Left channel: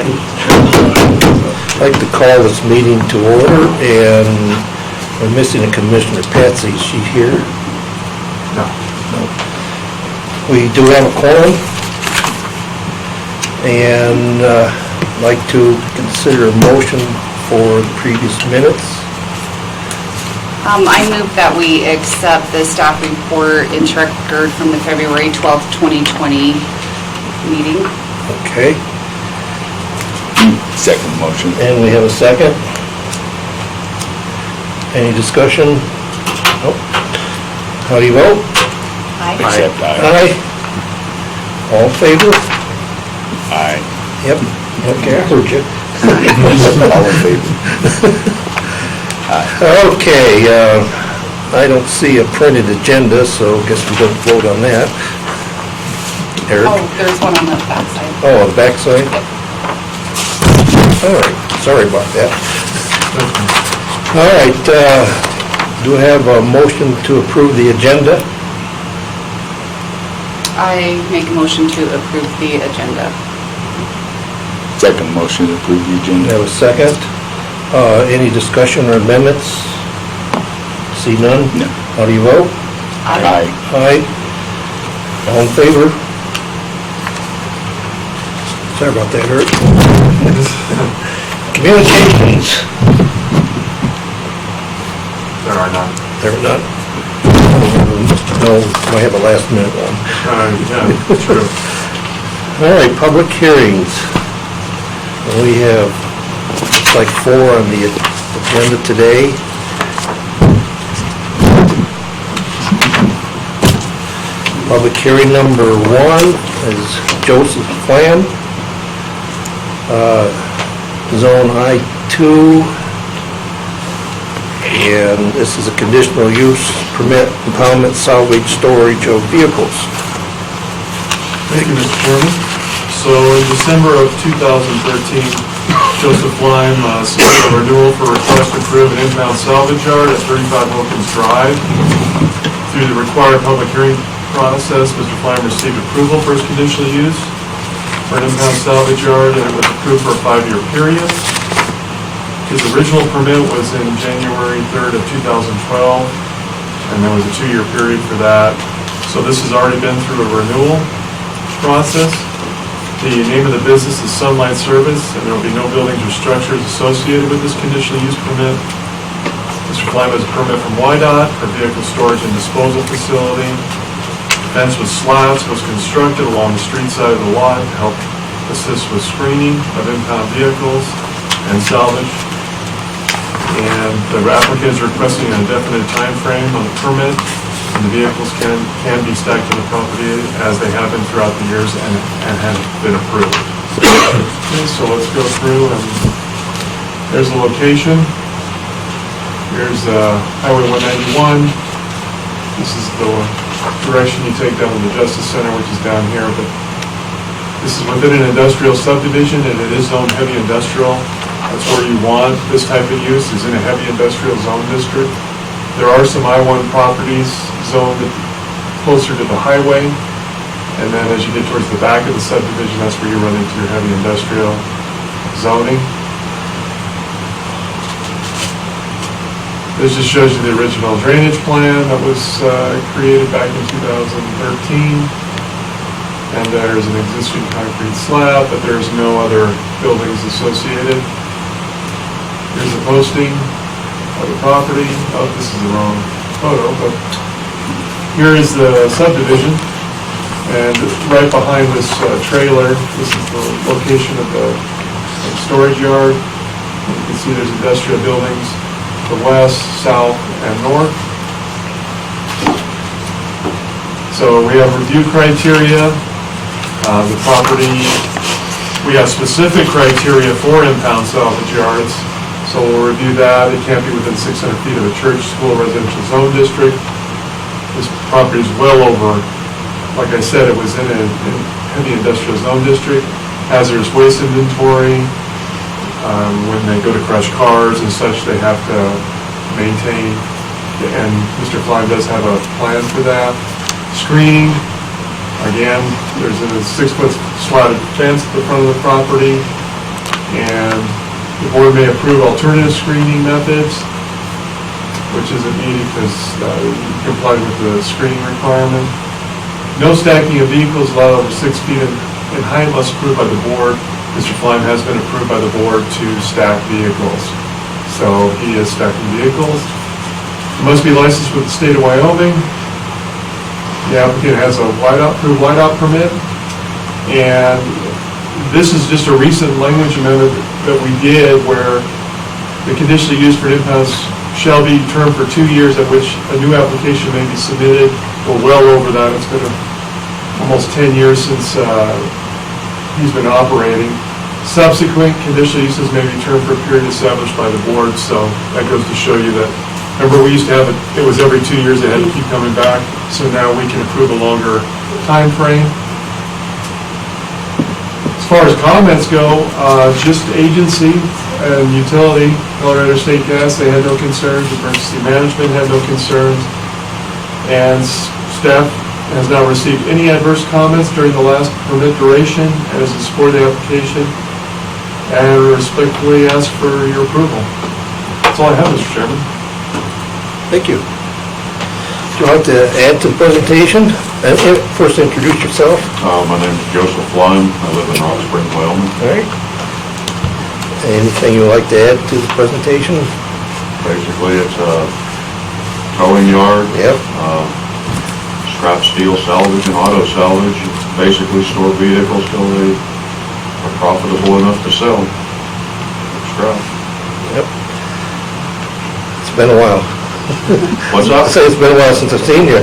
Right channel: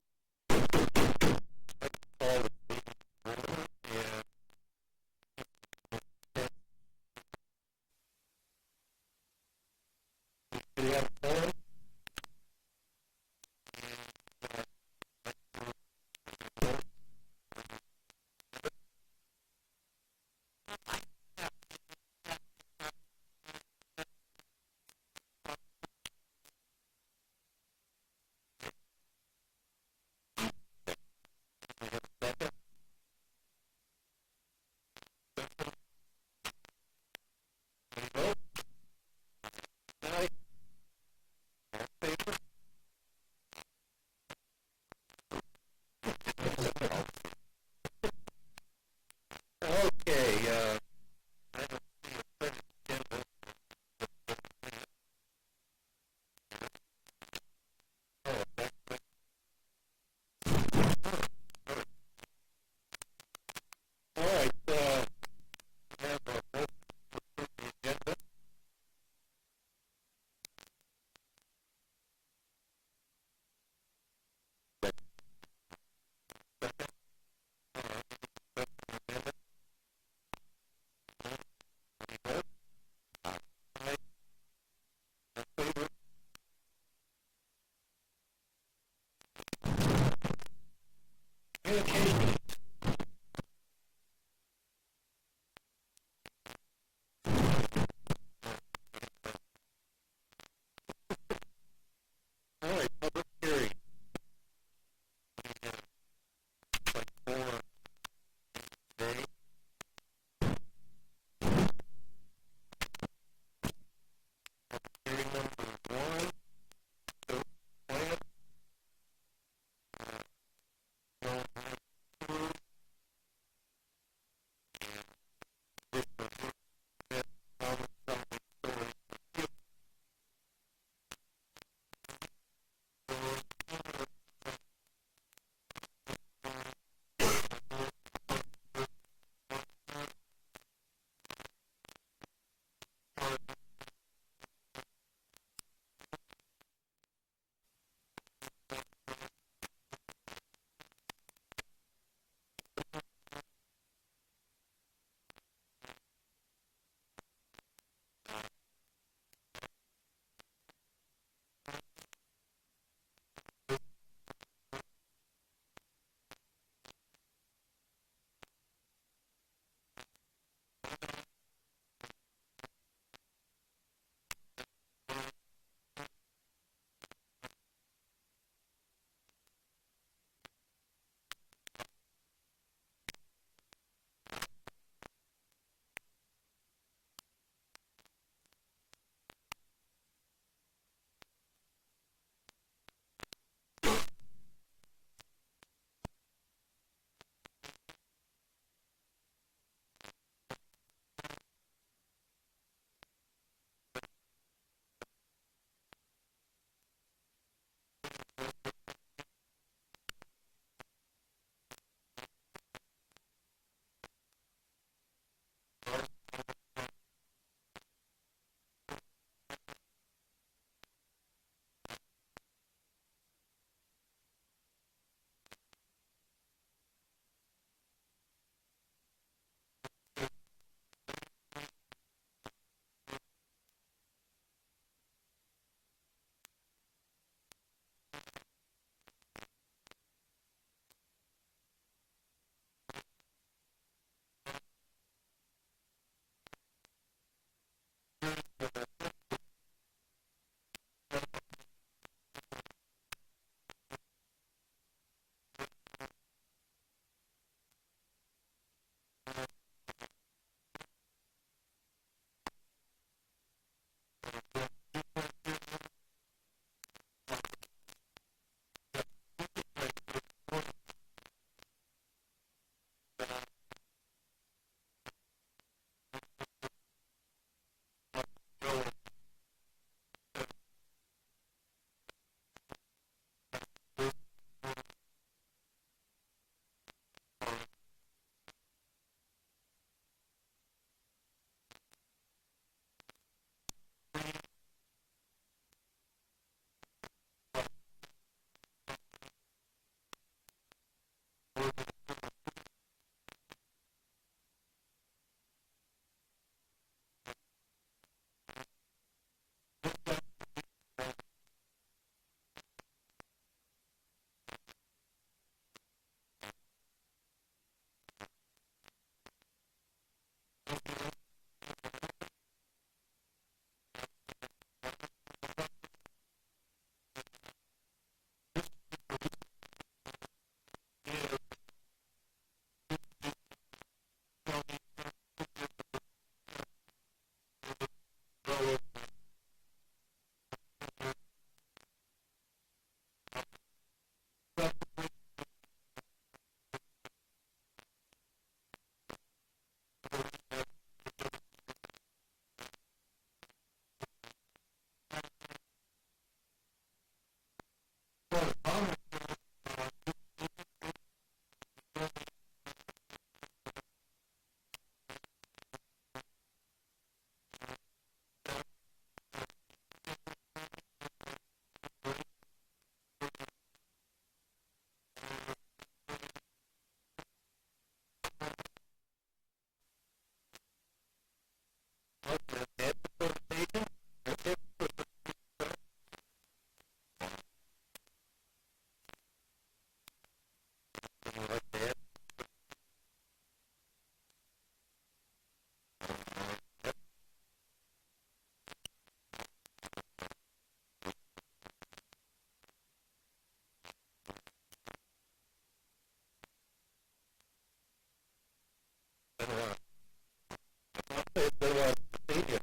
second. I'd like to call this meeting to order, and we're missing a Commissioner Patsy. Is she here? No. We do have a quorum, and I'd like to consider a motion for the previous minutes. I move that we accept the staff report in record from the February 12th, 2020 meeting. Okay, Second motion. and we have a second. Any discussion? Nope. How do you vote? Aye. Accept aye. Aye. All in favor? Aye. Yep. Okay, I heard you. All in favor? Okay, I don't see a printed agenda, so I guess we don't vote on that. Eric? Oh, there's one on the back side. Oh, on the backside? All right, sorry about that. All right, do I have a motion to approve the agenda? I make a motion to approve the agenda. Second motion to approve the Do I agenda. have a second? Any discussion or amendments? See none? No. How do you vote? Aye. Aye. All in favor? Sorry about that, Eric. Communications. There are none. There are none. No, I have a last minute one. Yeah, true. All right, public hearings. We have, looks like 4 on the agenda today. Public hearing number 1 is Joseph Flam, Zone I-2, and this is a conditional use permit, impoundment, salvage, storage of vehicles. Thank you, Mr. Chairman. So in December of 2013, Joseph Lime submitted a renewal for request to approve an impound salvage yard at 35 Wilkins Drive. Through the required public hearing process, Mr. Lime received approval for his conditional use for an impound salvage yard, and it was approved for a 5-year period. His original permit was in January 3rd of 2012, and there was a 2-year period for that. So this has already been through a renewal process. The name of the business is Sunlight Service, and there will be no buildings or structures associated with this conditional use permit. Mr. Klein has a permit from YDOT for vehicle storage and disposal facility. The fence with slats was constructed along the street side of the lot to help assist with screening of impound vehicles and salvage. And the applicant is requesting an indefinite time frame on the permit, and the vehicles can be stacked to the property as they have been throughout the years and have been approved. Okay, so let's go through, and there's the location. Here's Highway 191. This is the direction you take down to the Justice Center, which is down here, but this is within an industrial subdivision, and it is zoned heavy industrial. That's where you want this type of use, is in a heavy industrial zone district. There are some I-1 properties zoned closer to the highway, and then as you get towards the back of the subdivision, that's where you run into your heavy industrial zoning. This just shows you the original drainage plan that was created back in 2013. And there's an existing concrete slab, but there's no other buildings associated. Here's the posting of the property. Oh, this is the wrong photo, but here is the subdivision. And right behind this trailer, this is the location of the storage yard. You can see there's industrial buildings to the west, south, and north. So we have review criteria. The property, we have specific criteria for impound salvage yards. So we'll review that. It can't be within 600 feet of a church, school, residential zone district. This property is well over, like I said, it was in a heavy industrial zone district. Hazardous waste inventory. When they go to crush cars and such, they have to maintain, and Mr. Klein does have a plan for that. Screening. Again, there's a 6-foot slatted fence at the front of the property. And the board may approve alternative screening methods, which isn't needed because you complied with the screening requirement. No stacking of vehicles allowed over 6 feet in height unless approved by the board. Mr. Flime has been approved by the board to stack vehicles. So he is stacking vehicles. It must be licensed with the state of Wyoming. The applicant has a approved whiteout permit. And this is just a recent language amendment that we did where the conditional use for impounds shall be termed for 2 years at which a new application may be submitted. We're well over that. It's been almost 10 years since he's been operating. Subsequent conditional uses may be termed for a period established by the board, so that goes to show you that, remember we used to have it was every 2 years, they had to keep coming back, so now we can approve a longer time frame. As far as comments go, just agency and utility, Colorado State Gas, they had no concerns, emergency management had no concerns, and staff has not received any adverse comments during the last permit duration and is in support of the application, and respectfully ask for your approval. That's all I have, Mr. Chairman. Thank you. Would you like to add to the presentation? And first introduce yourself. My name is Joseph Lime. I live in Rock Spring, Wyoming. All right. Anything you would like to add to the presentation? Basically, it's a towing yard. Yep. Scrap steel salvage and auto salvage. Basically store vehicles till they are profitable enough to sell. Scrap. Yep. It's been a while. What's I that? say it's been a while since I've seen you.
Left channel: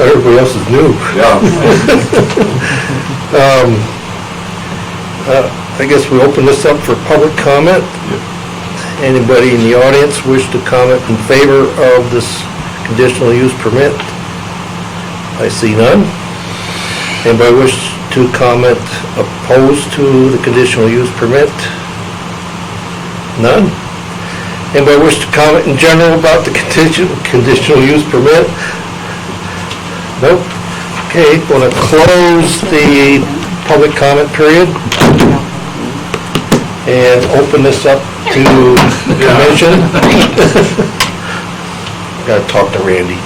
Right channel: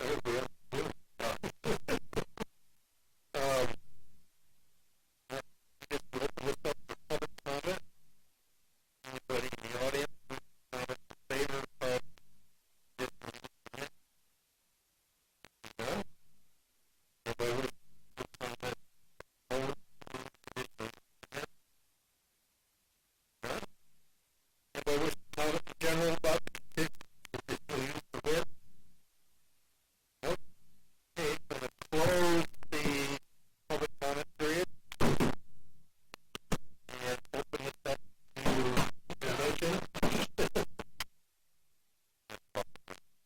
Everybody else is new. Yeah. I guess we open this up for public comment. Anybody in the audience wish to comment in favor of this conditional use permit? I see none. Anybody wish to comment opposed to the conditional use permit? None. Anybody wish to comment in general about the conditional use permit? Nope. Okay, going to close the public comment period and open this up to the commission. Got to talk to Randy.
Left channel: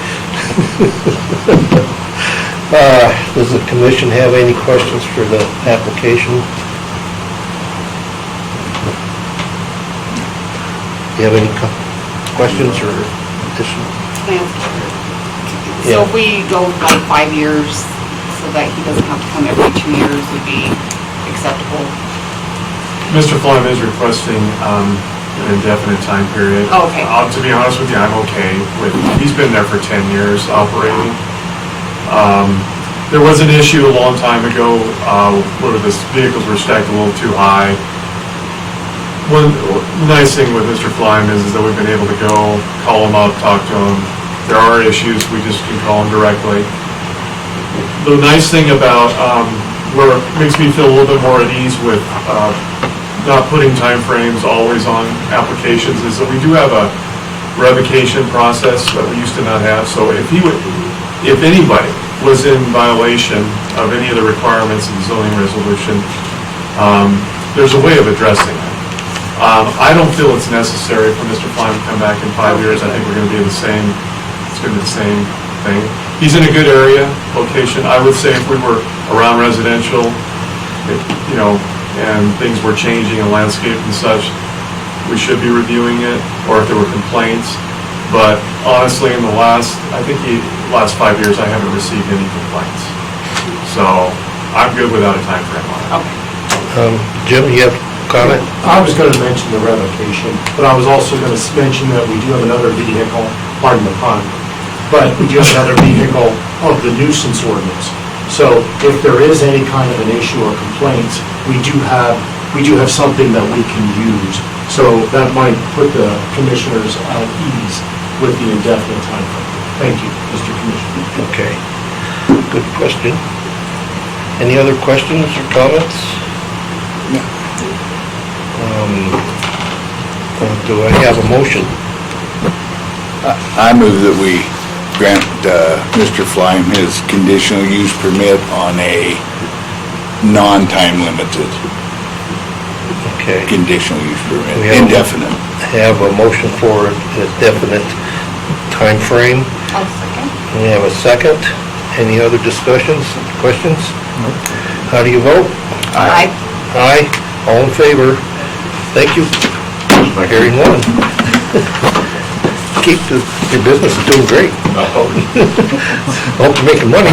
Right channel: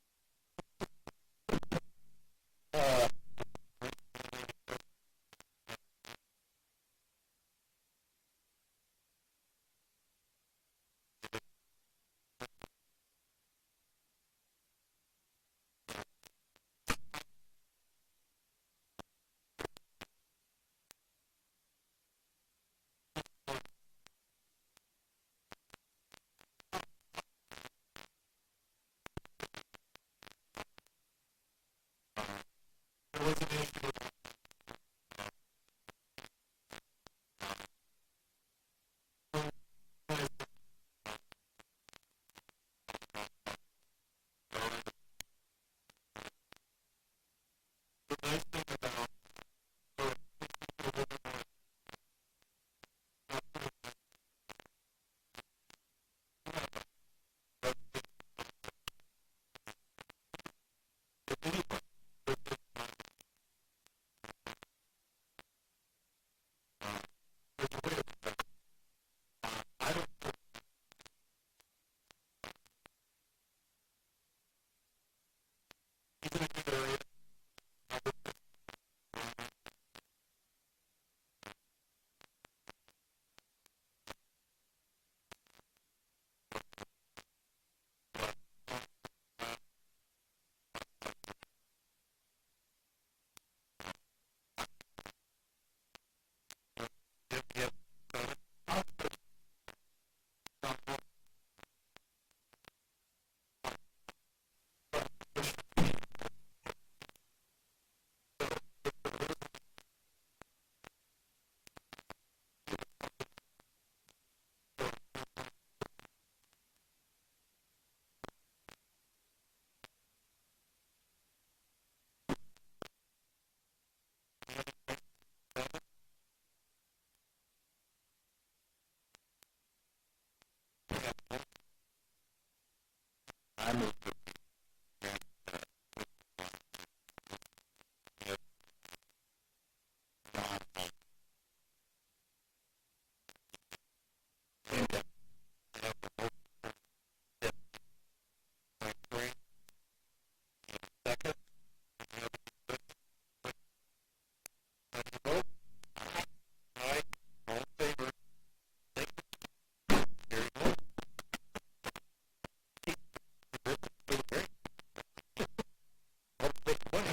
Does the commission have any questions for the application? Do you have any questions or additional? So if we go like 5 years, so that he doesn't have to come every 2 years, would be acceptable? Mr. Flime is requesting an indefinite time period. Oh, okay. To be honest with you, I'm okay with, he's been there for 10 years operating. There was an issue a long time ago where the vehicles were stacked a little too high. One nice thing with Mr. Flime is that we've been able to go, call him up, talk to him. There are issues, we just can call him directly. The nice thing about where it makes me feel a little bit more at ease with not putting timeframes always on applications is that we do have a revocation process that we used to not have. So if anybody was in violation of any of the requirements of the zoning resolution, there's a way of addressing it. I don't feel it's necessary for Mr. Flime to come back in 5 years. I think we're going to be it's going to be the same thing. He's in a good area, location. I would say if we were around residential, and things were changing in landscape and such, we should be reviewing it, or if there were complaints. But honestly, in the last 5 years, I haven't received any complaints. So I'm good without a time frame on it. Okay. Jim, you have a comment? I was going to mention the revocation, but I was also going to mention that we do have another vehicle, pardon the pun, but we do have another vehicle of the nuisance ordinance. So if there is any kind of an issue or complaints, we do have something that we can use. So that might put the commissioners at ease with the indefinite time frame. Thank you, Mr. Commissioner. Okay. Good question. Any other questions or comments? Do I have a motion? I move that we grant Mr. Flime his conditional use permit on a non-time limited Okay. conditional use We permit, have- indefinite. Have a motion for a definite time frame. I'll second. We have a second. Any other discussions, questions? How do you vote? Aye. Aye. All in favor? Thank you. Hearing none. Keep your business doing great. Hope you're making money.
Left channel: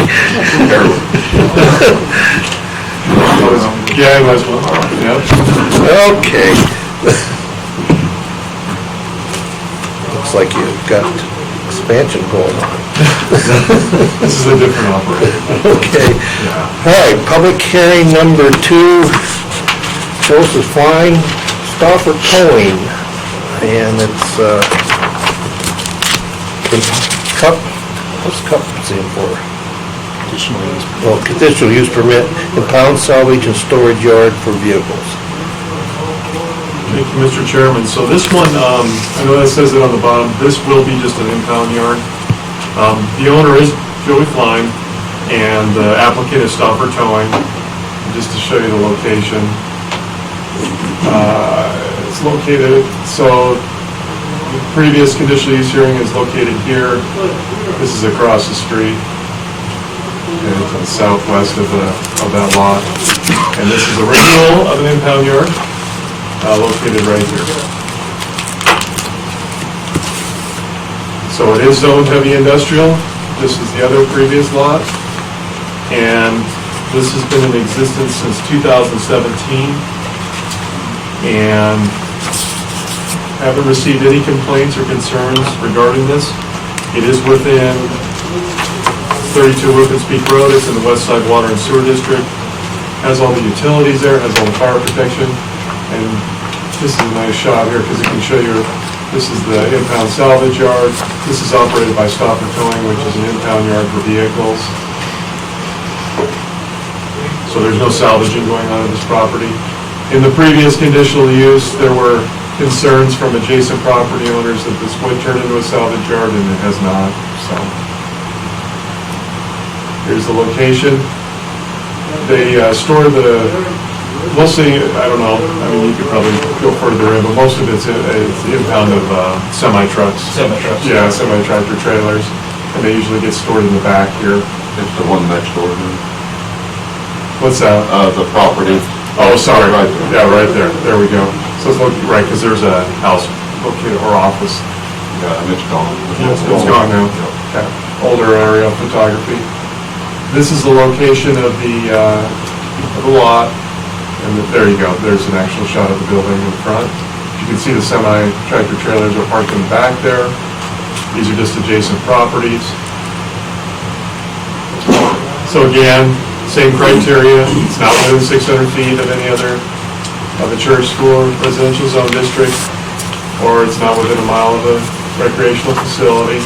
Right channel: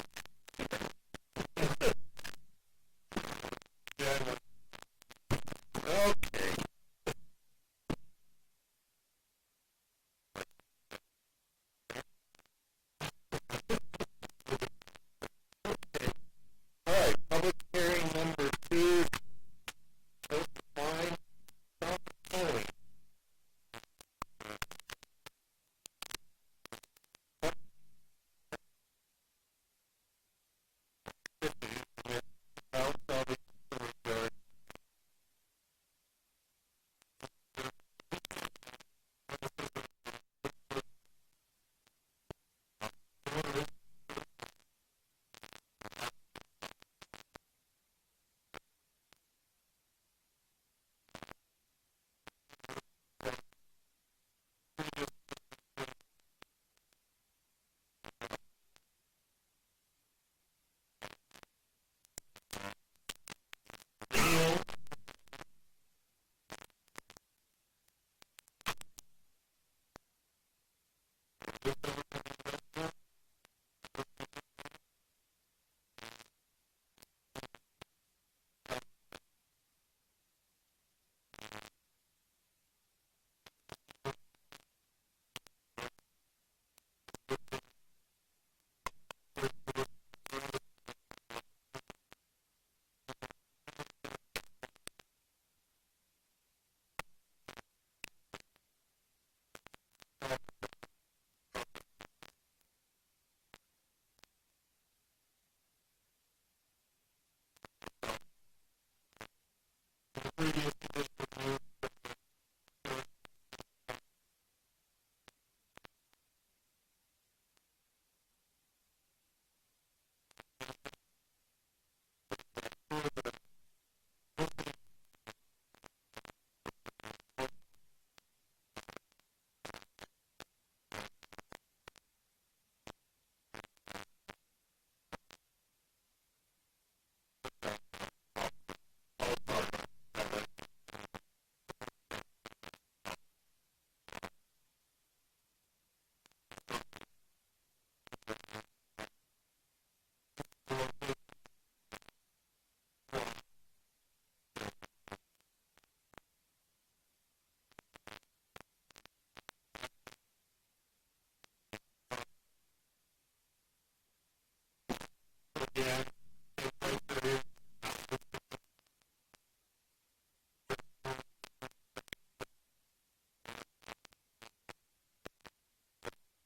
Yeah, might as well, yeah. Okay. Looks like you've got expansion going on. This is a different operation. Okay. All right, public hearing number 2, Joseph Fine, Stauffer Towing. And it's, cup, what's cup stand for? Well, conditional use permit, impound salvage and storage yard for vehicles. Thank you, Mr. Chairman. So this one, I know that says it on the bottom, this will be just an impound yard. The owner is Joey Klein, and the applicant is Stauffer Towing. Just to show you the location. It's located, so the previous conditional use hearing is located here. This is across the street. And to the southwest of that lot. And this is a renewal of an impound yard, located right here. So it is zoned heavy industrial. This is the other previous lot. And this has been in existence since 2017. And haven't received any complaints or concerns regarding this. It is within 32 Rufus Peak Road. It's in the West Side Water and Sewer District. Has all the utilities there, has all the fire protection. And this is a nice shot here because it can show you, this is the impound salvage yard. This is operated by Stauffer Towing, which is an impound yard for vehicles. So there's no salvaging going on in this property. In the previous conditional use, there were concerns from adjacent property owners that this would turn into a salvage yard, and it has not, so. Here's the location. They store mostly, I don't know, I mean, you could probably go further in, but most of it's the impound of semi-trucks. Semi-trucks. Yeah, semi-tractor trailers, and they usually get stored in the back here. It's the one next door to What's that? the property. Oh, sorry. Right there. Yeah, right there. There we go. So it's right, because there's a house located, or office. Yeah, and it's gone. It's gone now. Yeah. Okay. Older aerial photography. This is the location of the lot, and there you go. There's an actual shot of the building in front. You can see the semi-tractor trailers are parked in the back there. These are just adjacent properties. So again, same criteria. It's not within 600 feet of any other of a church, school, or residential zone district, or it's not within a mile of a recreational facility.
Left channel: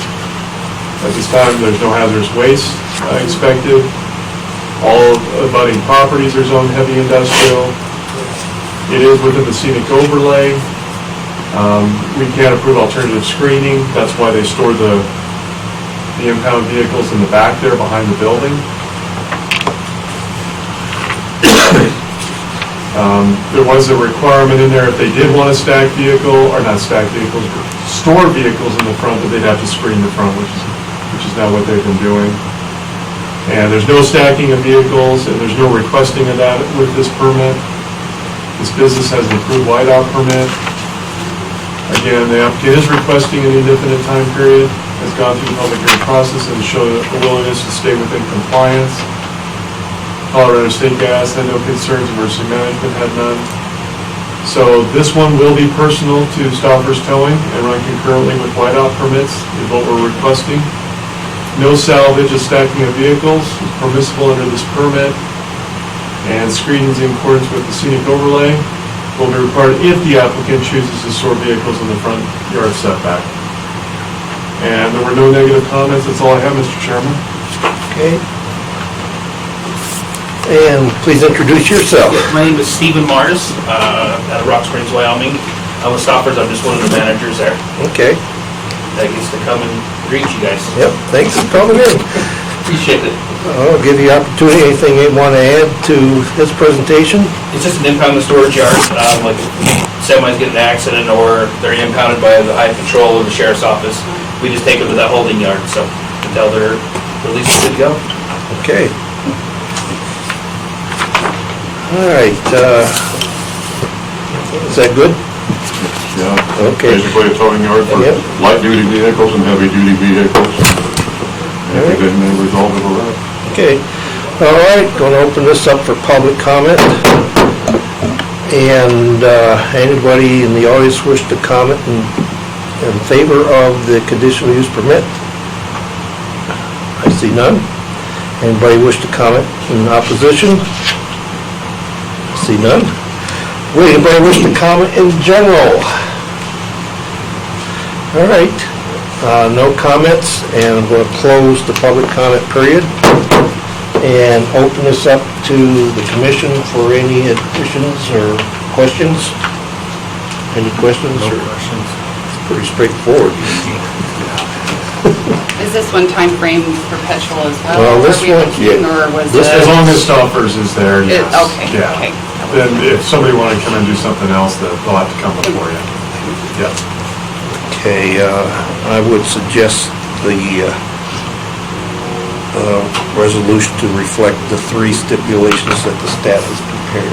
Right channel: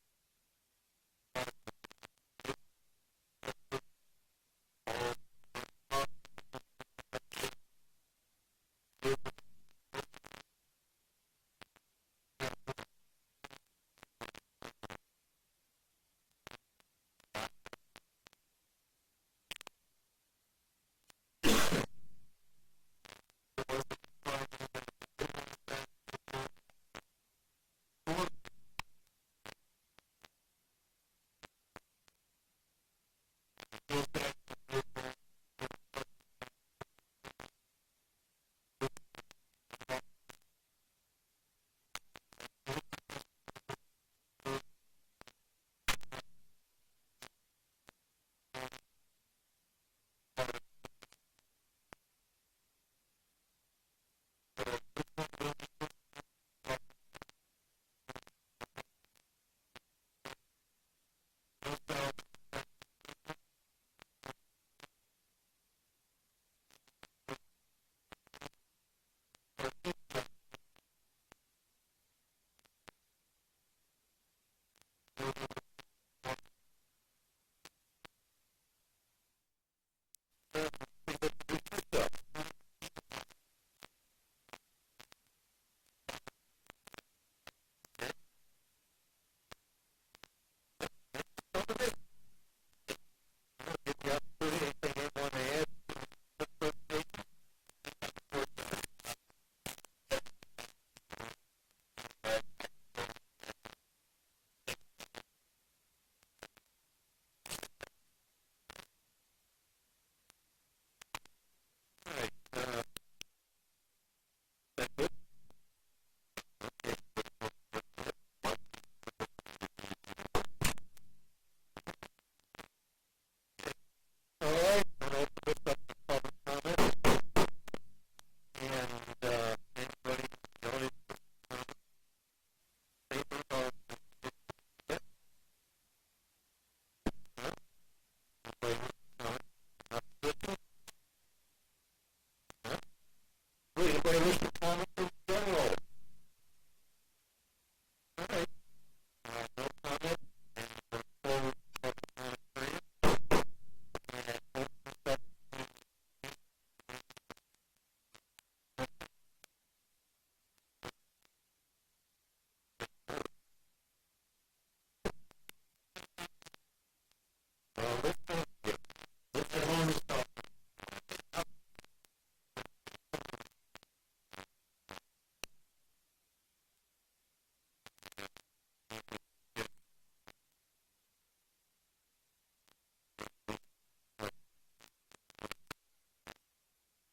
At this time, there's no hazardous waste expected. All abutting properties are zoned heavy industrial. It is within the scenic overlay. We can't approve alternative screening. That's why they store the impound vehicles in the back there behind the building. There was a requirement in there if they did want to stack vehicle, or not stack vehicles, but store vehicles in the front, that they'd have to screen the front, which is now what they've been doing. And there's no stacking of vehicles, and there's no requesting of that with this permit. This business has an approved whiteout permit. Again, the applicant is requesting an indefinite time period, has gone through the public hearing process and showed a willingness to stay within compliance. Colorado State Gas had no concerns, emergency management had none. So this one will be personal to Stauffer's Towing and run concurrently with whiteout permits, is what we're requesting. No salvage or stacking of vehicles is permissible under this permit, and screenings in accordance with the scenic overlay will be required if the applicant chooses to store vehicles in the front yard setback. And there were no negative comments. That's all I have, Mr. Chairman. Okay. And please introduce yourself. My name is Stephen Martis, out of Rock Springs, Wyoming. I'm with Stoppers, I'm just one of the managers there. Okay. That gets to come and greet you guys. Yep, thanks for coming in. Appreciate it. I'll give you opportunity, anything you want to add to this presentation? It's just an impound in the storage yard, like semis get in an accident or they're impounded by the highway patrol or the sheriff's office. We just take them to that holding yard, so until they're released, good to go. Okay. All right, is that good? Yeah. Okay. Basically a towing yard for Yep. light-duty vehicles and heavy-duty vehicles. All right. Then they resolve it around. Okay, all right, going to open this up for public comment. And anybody in the audience wish to comment in favor of the conditional use permit? I see none. Anybody wish to comment in opposition? I see none. Would anybody wish to comment in general? All right, no comments, and I'm going to close the public comment period and open this up to the commission for any additions or questions. Any questions? No questions. It's pretty straightforward. Is this one time frame perpetual as well? Well, this Are we one- looking, yeah. or was This it? As long as Stoppers is there, yes. Okay, Yeah. okay. Then if somebody wanted to come and do something else, they'll have to come before you. Yeah. Okay, I would suggest the resolution to reflect the 3 stipulations that the staff has prepared.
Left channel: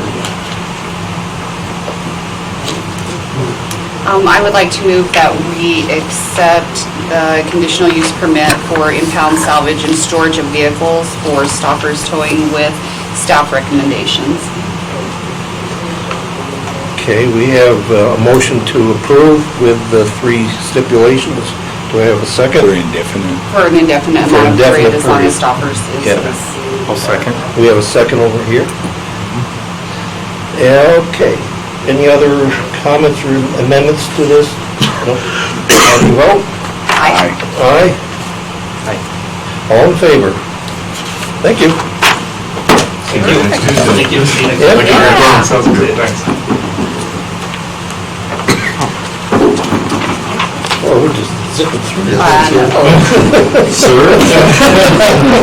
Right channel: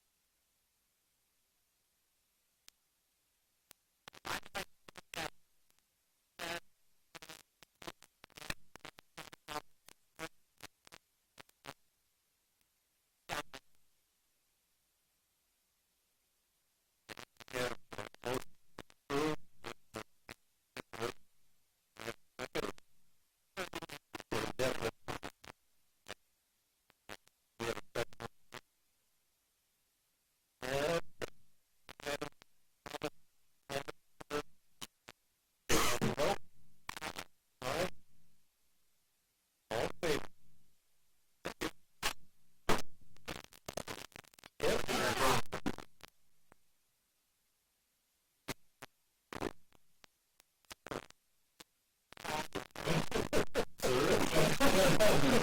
I would like to move that we accept the conditional use permit for impound salvage and storage of vehicles for Stoppers Towing with staff recommendations. Okay, we have a motion to approve with the 3 stipulations. Do I have a second? For indefinite. For an indefinite For amount of period, indefinite as long as period. Stoppers is. Yeah. I'll second. We have a second over here. Okay. Any other comments or amendments to this? No? How do you vote? Aye. Aye? Aye. All in favor? Thank you. Thank you. Next Tuesday. Thank you. Yep. Thank you, everyone. Sounds good, thanks. Well, we're just zipping through this. Sir?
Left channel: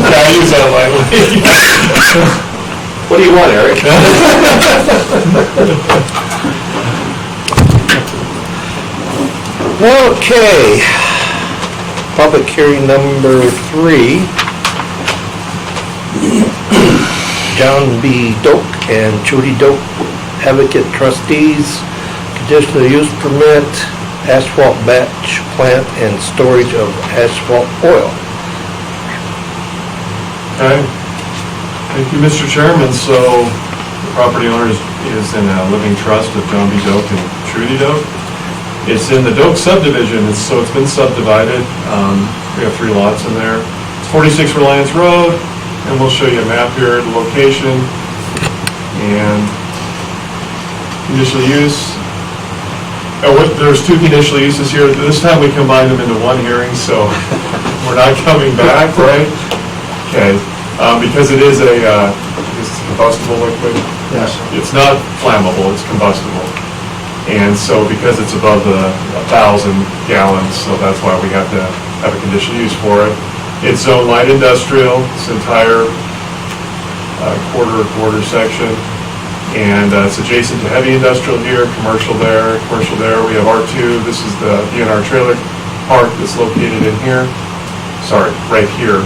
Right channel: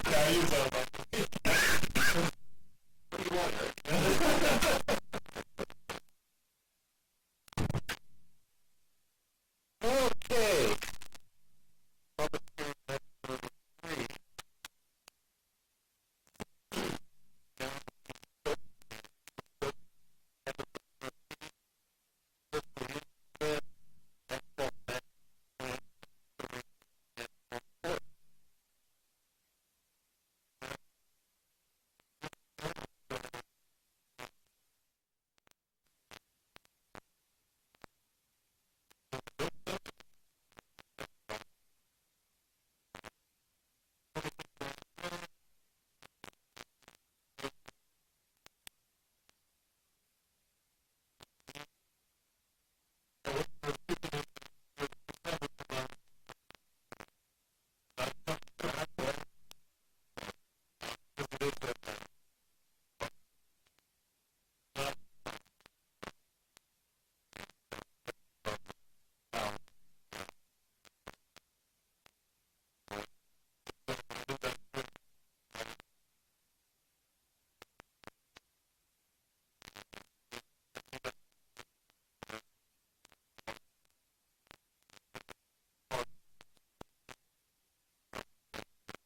I use that lightly. What do you want, Eric? Okay. Public hearing number 3. John B. Doak and Judy Doak, advocate trustees, conditional use permit, asphalt batch plant and storage of asphalt oil. Okay. Thank you, Mr. Chairman. So the property owner is in a living trust of John B. Doak and Trudy Doak. It's in the Doak subdivision, so it's been subdivided. We have 3 lots in there. It's 46 Reliance Road, and we'll show you a map here, the location, and conditional use. There's 2 conditional uses here. This time we combined them into one hearing, so we're not coming back, right? Okay, because it is it's combustible liquid. Yes. It's not flammable, it's combustible. And so because it's above the 1,000 gallons, so that's why we have to have a conditional use for it. It's zone light industrial, this entire quarter section. And it's adjacent to heavy industrial here, commercial there. We have R2, this is the DNR trailer park that's located in here. Sorry, right here.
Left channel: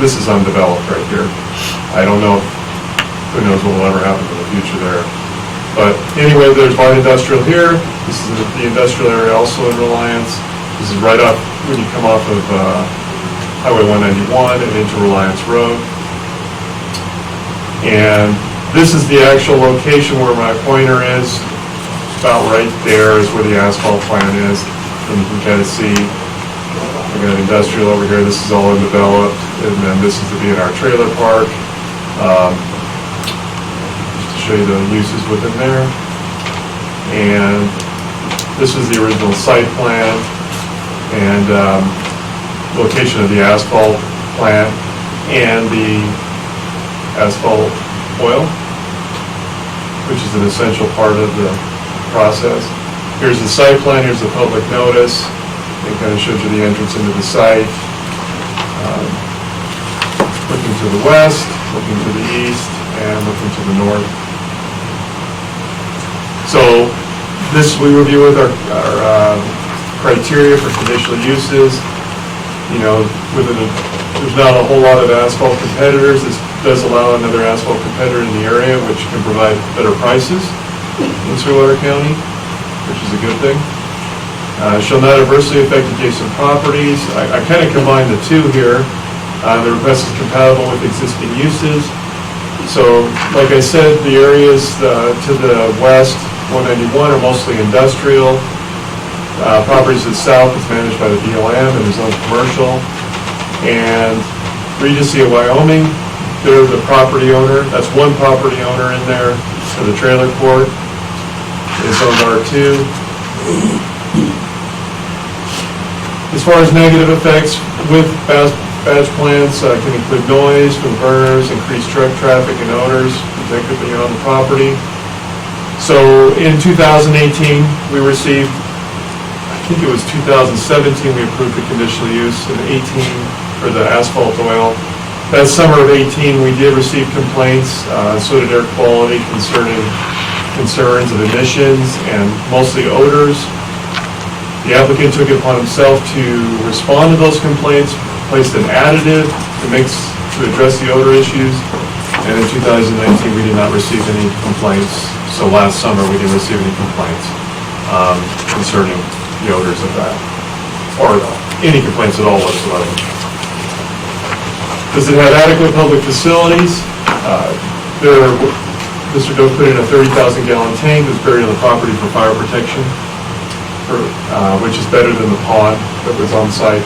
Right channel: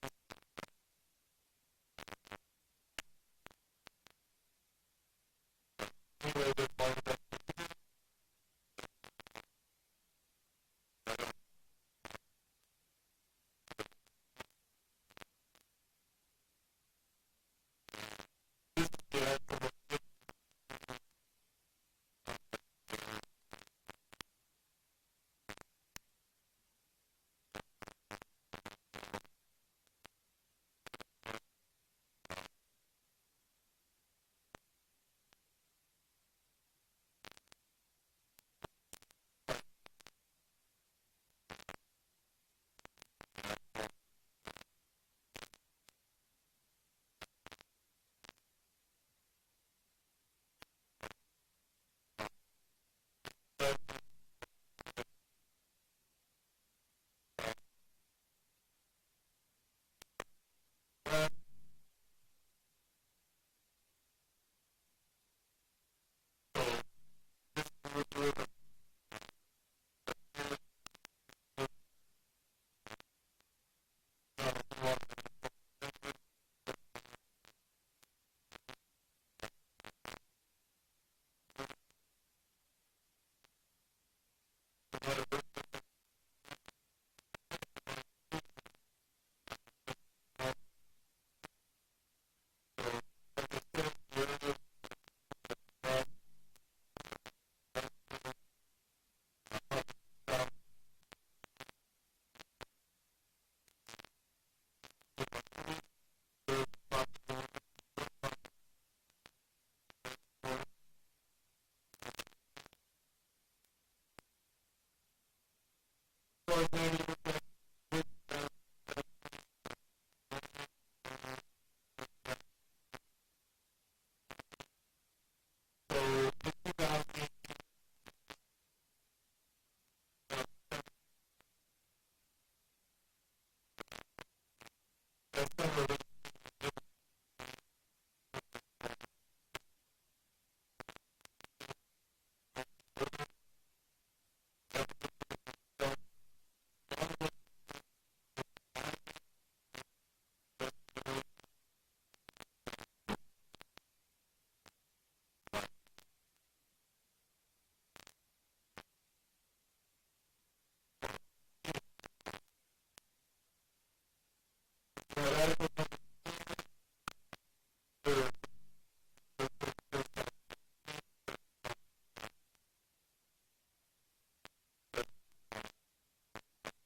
This is undeveloped right here. I don't know, who knows what will ever happen in the future there. But anyway, there's light industrial here. This is the industrial area also in Reliance. This is right up when you come off of Highway 191 and into Reliance Road. And this is the actual location where my pointer is. About right there is where the asphalt plant is. And you can kind of see, we got industrial over here. This is all undeveloped. And then this is the DNR trailer park. Show you the uses within there. And this is the original site plan and location of the asphalt plant and the asphalt oil, which is an essential part of the process. Here's the site plan, here's the public notice. It kind of shows you the entrance into the site. Looking to the west, looking to the east, and looking to the north. So this we review with our criteria for conditional uses. You know, there's not a whole lot of asphalt competitors. This does allow another asphalt competitor in the area, which can provide better prices in Sweetwater County, which is a good thing. Shall not adversely affect adjacent properties. I kind of combined the two here. The request is compatible with existing uses. So, like I said, the areas to the west, 191, are mostly industrial. Properties to the south is managed by the BLM and is owned commercial. And Regency of Wyoming, they're the property owner. That's one property owner in there for the trailer court. It's owned R2. As far as negative effects with badge plants, can include noise from burners, increased truck traffic and odors detectably on the property. So in 2018, we received, I think it was 2017, we approved the conditional use, and 18 for the asphalt oil. That summer of 18, we did receive complaints, so did air quality concerns of emissions and mostly odors. The applicant took it upon himself to respond to those complaints, placed an additive to address the odor issues, and in 2019, we did not receive any complaints. So last summer, we didn't receive any complaints concerning the odors of that, or any complaints at all whatsoever. Does it have adequate public facilities? Mr. Doak put in a 30,000-gallon tank that's buried on the property for fire protection, which is better than the pond that was on site,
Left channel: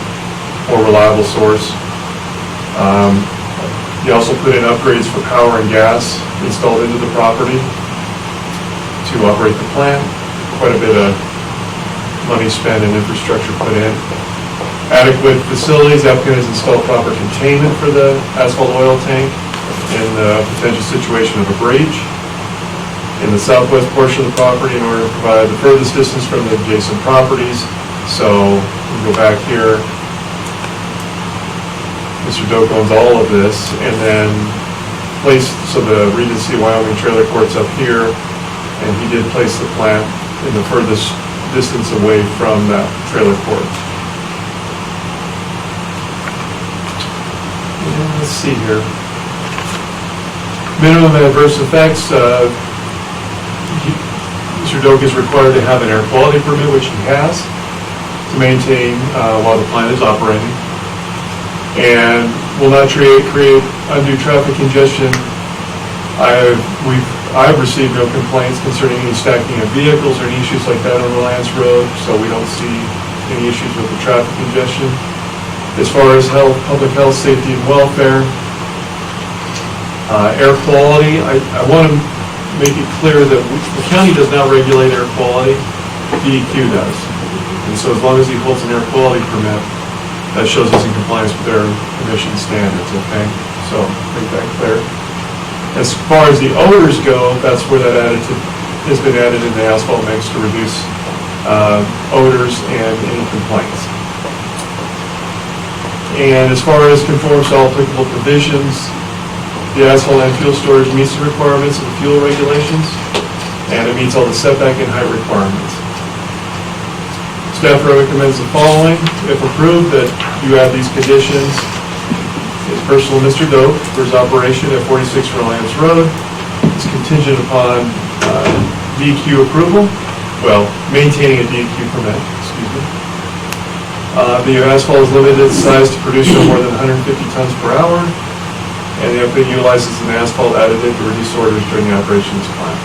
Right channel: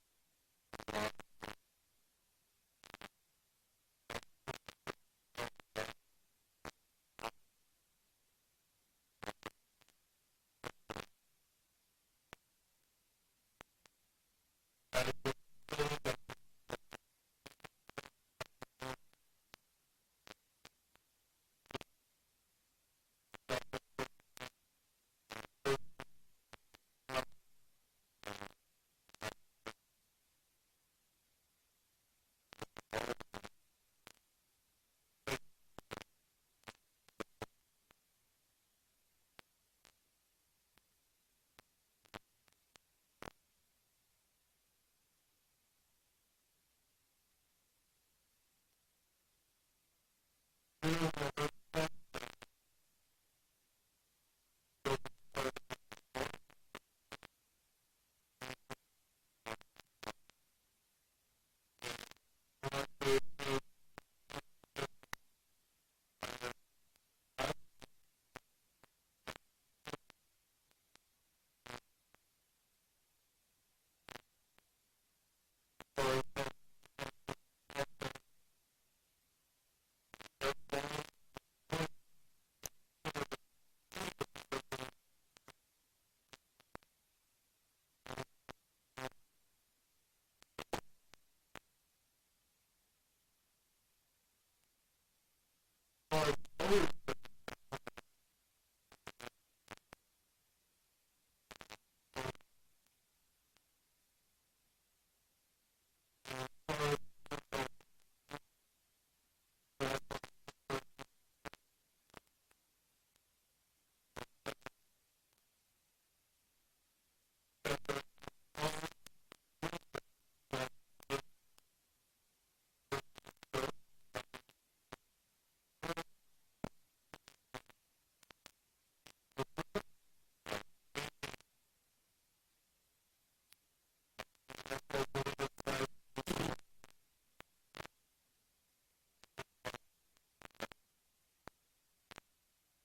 more reliable source. He also put in upgrades for power and gas installed into the property to operate the plant. Quite a bit of money spent and infrastructure put in. Adequate facilities, the applicant has installed proper containment for the asphalt oil tank in the potential situation of a breach in the southwest portion of the property in order to provide the furthest distance from the adjacent properties. So we go back here. Mr. Doak owns all of this, and then so the Regency Wyoming trailer court's up here, and he did place the plant in the furthest distance away from that trailer court. And let's see here. Minimum adverse effects. Mr. Doak is required to have an air quality permit, which he has, to maintain while the plant is operating, and will not create undue traffic congestion. I've received no complaints concerning any stacking of vehicles or any issues like that on Reliance Road, so we don't see any issues with the traffic congestion. As far as health, public health, safety, and welfare, air quality, I want to make it clear that the county does not regulate air quality, DEQ does. And so as long as he holds an air quality permit, that shows he's in compliance with their emission standards, okay? So make that clear. As far as the odors go, that's where that additive has been added in the asphalt mix to reduce odors and any complaints. And as far as conforms to all applicable provisions, the asphalt and fuel storage meets the requirements of the fuel regulations, and it meets all the setback and height requirements. Staff recommends the following. If approved, that you add these conditions. It's personal Mr. Doak for his operation at 46 Reliance Road. It's contingent upon DEQ approval, well, maintaining a DEQ permit, excuse me. The asphalt is limited in size to produce no more than 150 tons per hour, and the applicant utilizes an asphalt additive to reduce odors during the operation of this plant.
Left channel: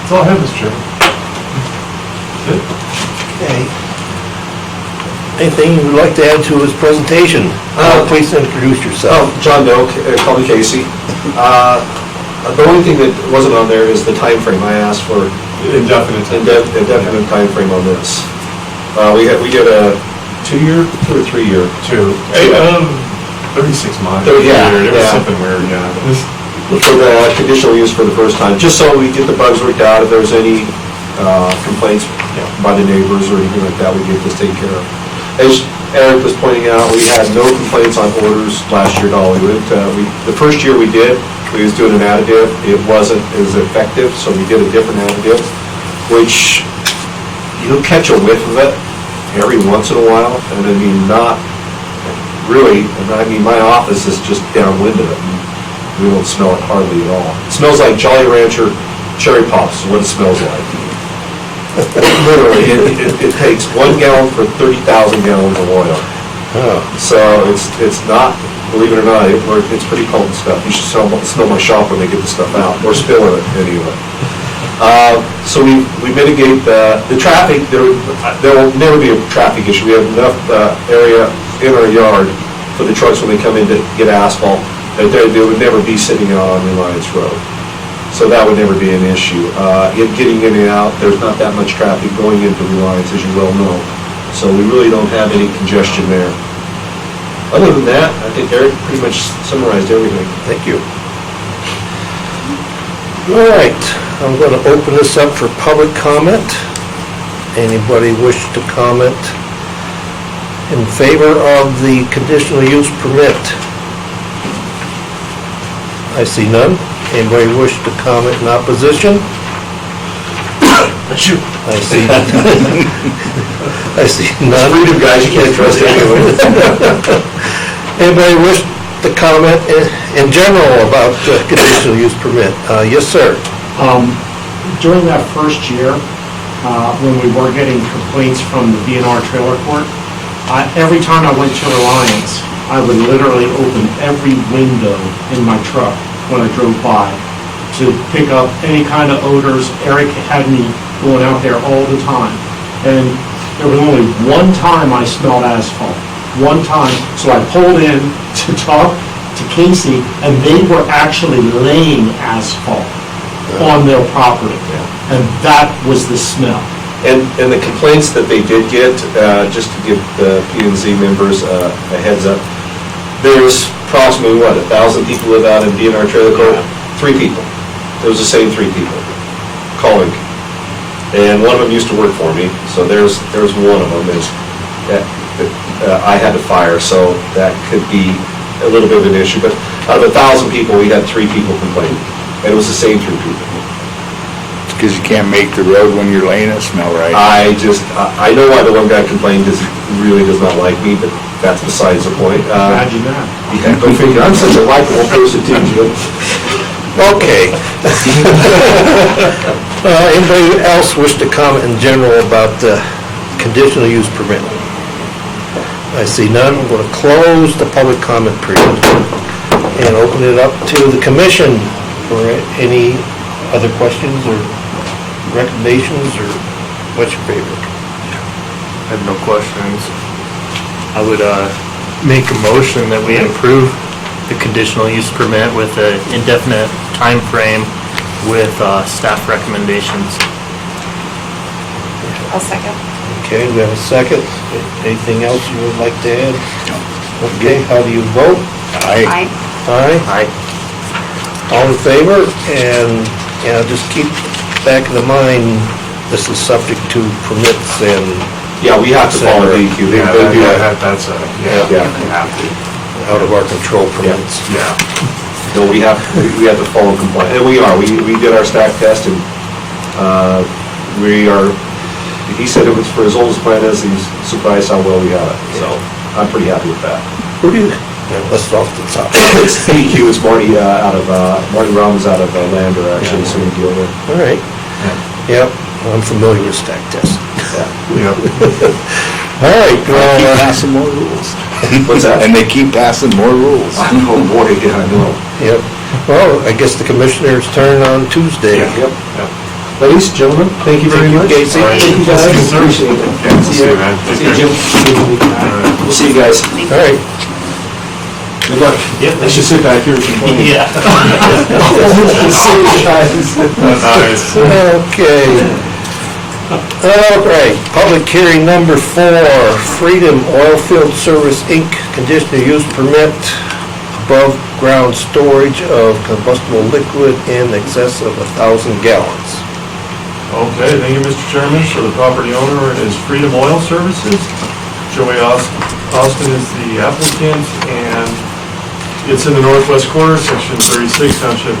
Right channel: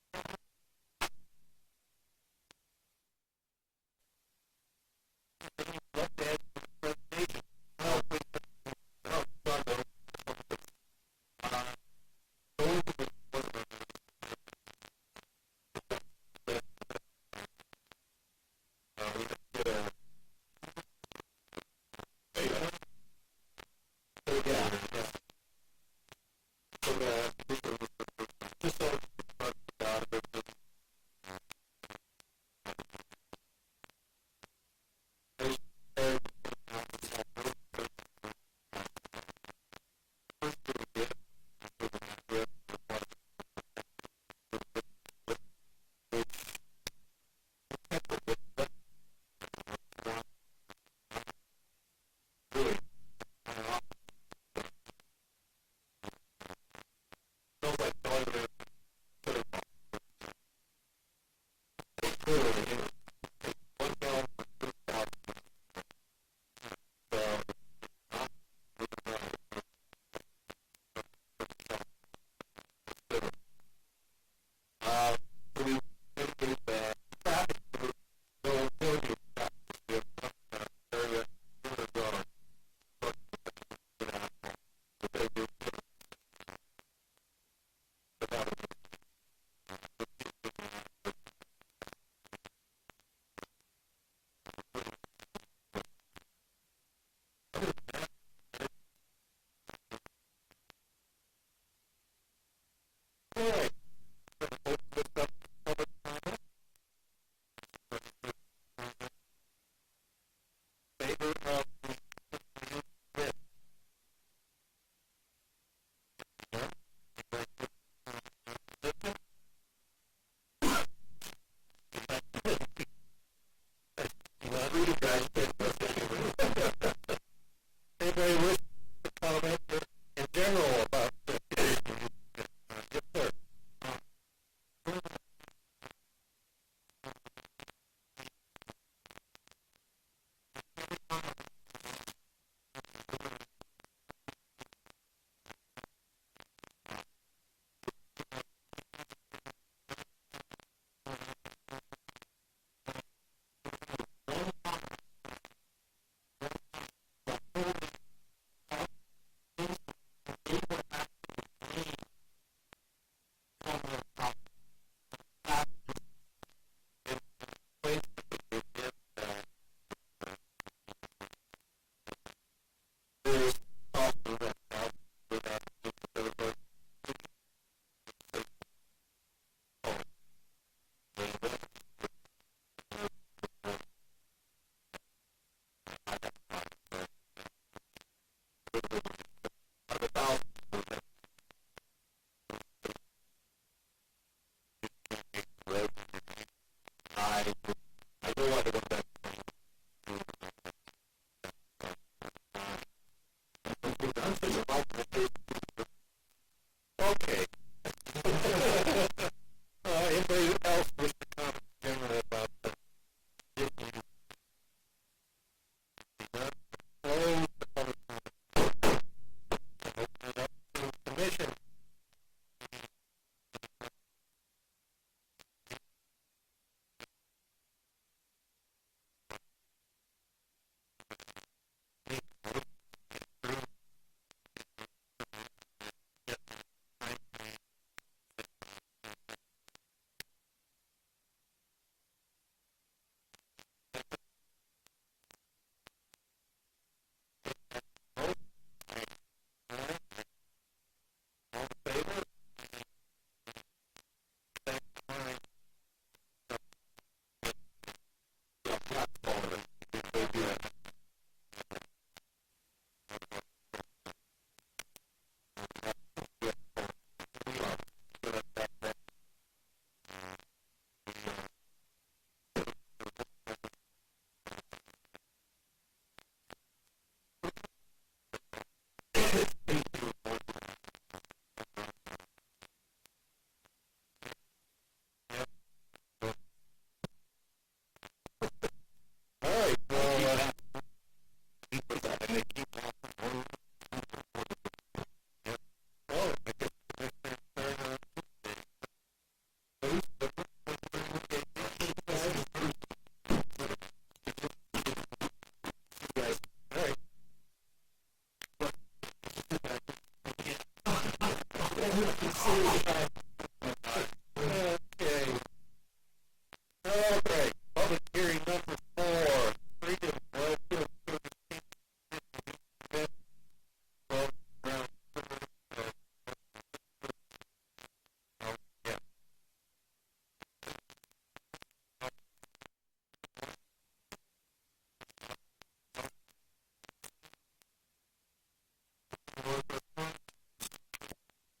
That's all I have, Mr. Chairman. Good. Okay. Anything you would like to add to his presentation? Please introduce yourself. John Doak, call me Casey. The only thing that wasn't on there is the time frame. I asked for Indefinite. indefinite time frame on this. We did a 2-year, 2 or 3-year. 36 months. Yeah, It was yeah. something weird, yeah. For the conditional use for the first time, just so we get the bugs worked out. If there's any complaints by the neighbors or anything like that, we get this taken care of. As Eric was pointing out, we had no complaints on orders last year at all. The first year we did, we was doing an additive, it wasn't as effective, so we did a different additive, which you'll catch a whiff of it every once in a while, and I mean, not really, and I mean, my office is just downwind of it, and we don't smell it hardly at all. It smells like Jolly Rancher cherry pops is what it smells like. Literally, it takes 1 gallon for 30,000 gallons of oil. So it's not, believe it or not, it's pretty potent stuff. You should smell my shop when they get the stuff out, or spill it anyway. So we mitigate the traffic. There will never be a traffic issue. We have enough area in our yard for the trucks when they come in to get asphalt, that they would never be sitting out on Reliance Road. So that would never be an issue. Getting in and out, there's not that much traffic going into Reliance, as you well know. So we really don't have any congestion there. Other than that, I think Eric pretty much summarized everything. Thank you. All right, I'm going to open this up for public comment. Anybody wish to comment in favor of the conditional use permit? I see none. Anybody wish to comment in opposition? Shoot. I see. I see none. Freedom, guys, you can't trust anyone. Anybody wish to comment in general about the conditional use permit? Yes, sir. During that first year, when we were getting complaints from the BNR trailer court, every time I went to Reliance, I would literally open every window in my truck when I drove by to pick up any kind of odors. Eric had me going out there all the time. And there was only one time I smelled asphalt. One time. So I pulled in to talk to Casey, and they were actually laying asphalt on their property. And that was the smell. And the complaints that they did get, just to give the P&Z members a heads up, there's approximately, 1,000 people live out in DNR Trailer Court? 3 people. It was the same 3 people calling. And one of them used to work for me, so there's one of them that I had to fire, so that could be a little bit of an issue. But out of 1,000 people, we had 3 people complaining, and it was the same 3 people. Because you can't make the road when you're laying it smell right. I know why the one guy complained, because he really does not like me, but that's besides the point. Imagine that. Yeah, go figure. I'm such a likable person too, Jim. Okay. Anybody else wish to comment in general about the conditional use permit? I see none. I'm going to close the public comment period and open it up to the commission for any other questions or recommendations, or what's your favorite? I have no questions. I would make a motion that we approve the conditional use permit with an indefinite time frame with staff recommendations. I'll second. Okay, we have a second. Anything else you would like to add? Okay, how do you vote? Aye. Aye. Aye. All in favor? And, just keep back in the mind, this is subject to permits and Yeah, we have to follow DEQ. They do that. That's Yeah. you have to. out of our control permits. Yeah. No, we have to follow compliance, and we are. We did our stack test, and we are, he said it was for as old as plant is, he's surprised how well we have it, so I'm pretty happy with that. Who do you, let's off the top. It's DEQ, it's Marty Marty Robbins out of Lander, actually, so we deal with. All right. Yep, I'm familiar with stack tests. Yep. All right, Keep well, passing more rules. What's that? And they keep passing more rules. Oh, boy, yeah, I know. yep. Well, I guess the commissioner's turn on Tuesday. Yep. Ladies, gentlemen, thank you very much. Casey. All right. Thank you, guys. Appreciate it. Yeah, see you, man. See you, Jim. We'll see you guys. All right. Good luck. Yeah. I should sit back here and complain. Yeah. See you guys. Nice. Okay. All right, public hearing number 4, Freedom Oilfield Service, Inc., conditional use permit, above ground storage of combustible liquid in excess of 1,000 gallons. Okay, thank you, Mr. Chairman. So the property owner is Freedom Oil Services. Joey Austin is the applicant, and It's in the northwest quarter, section 36, township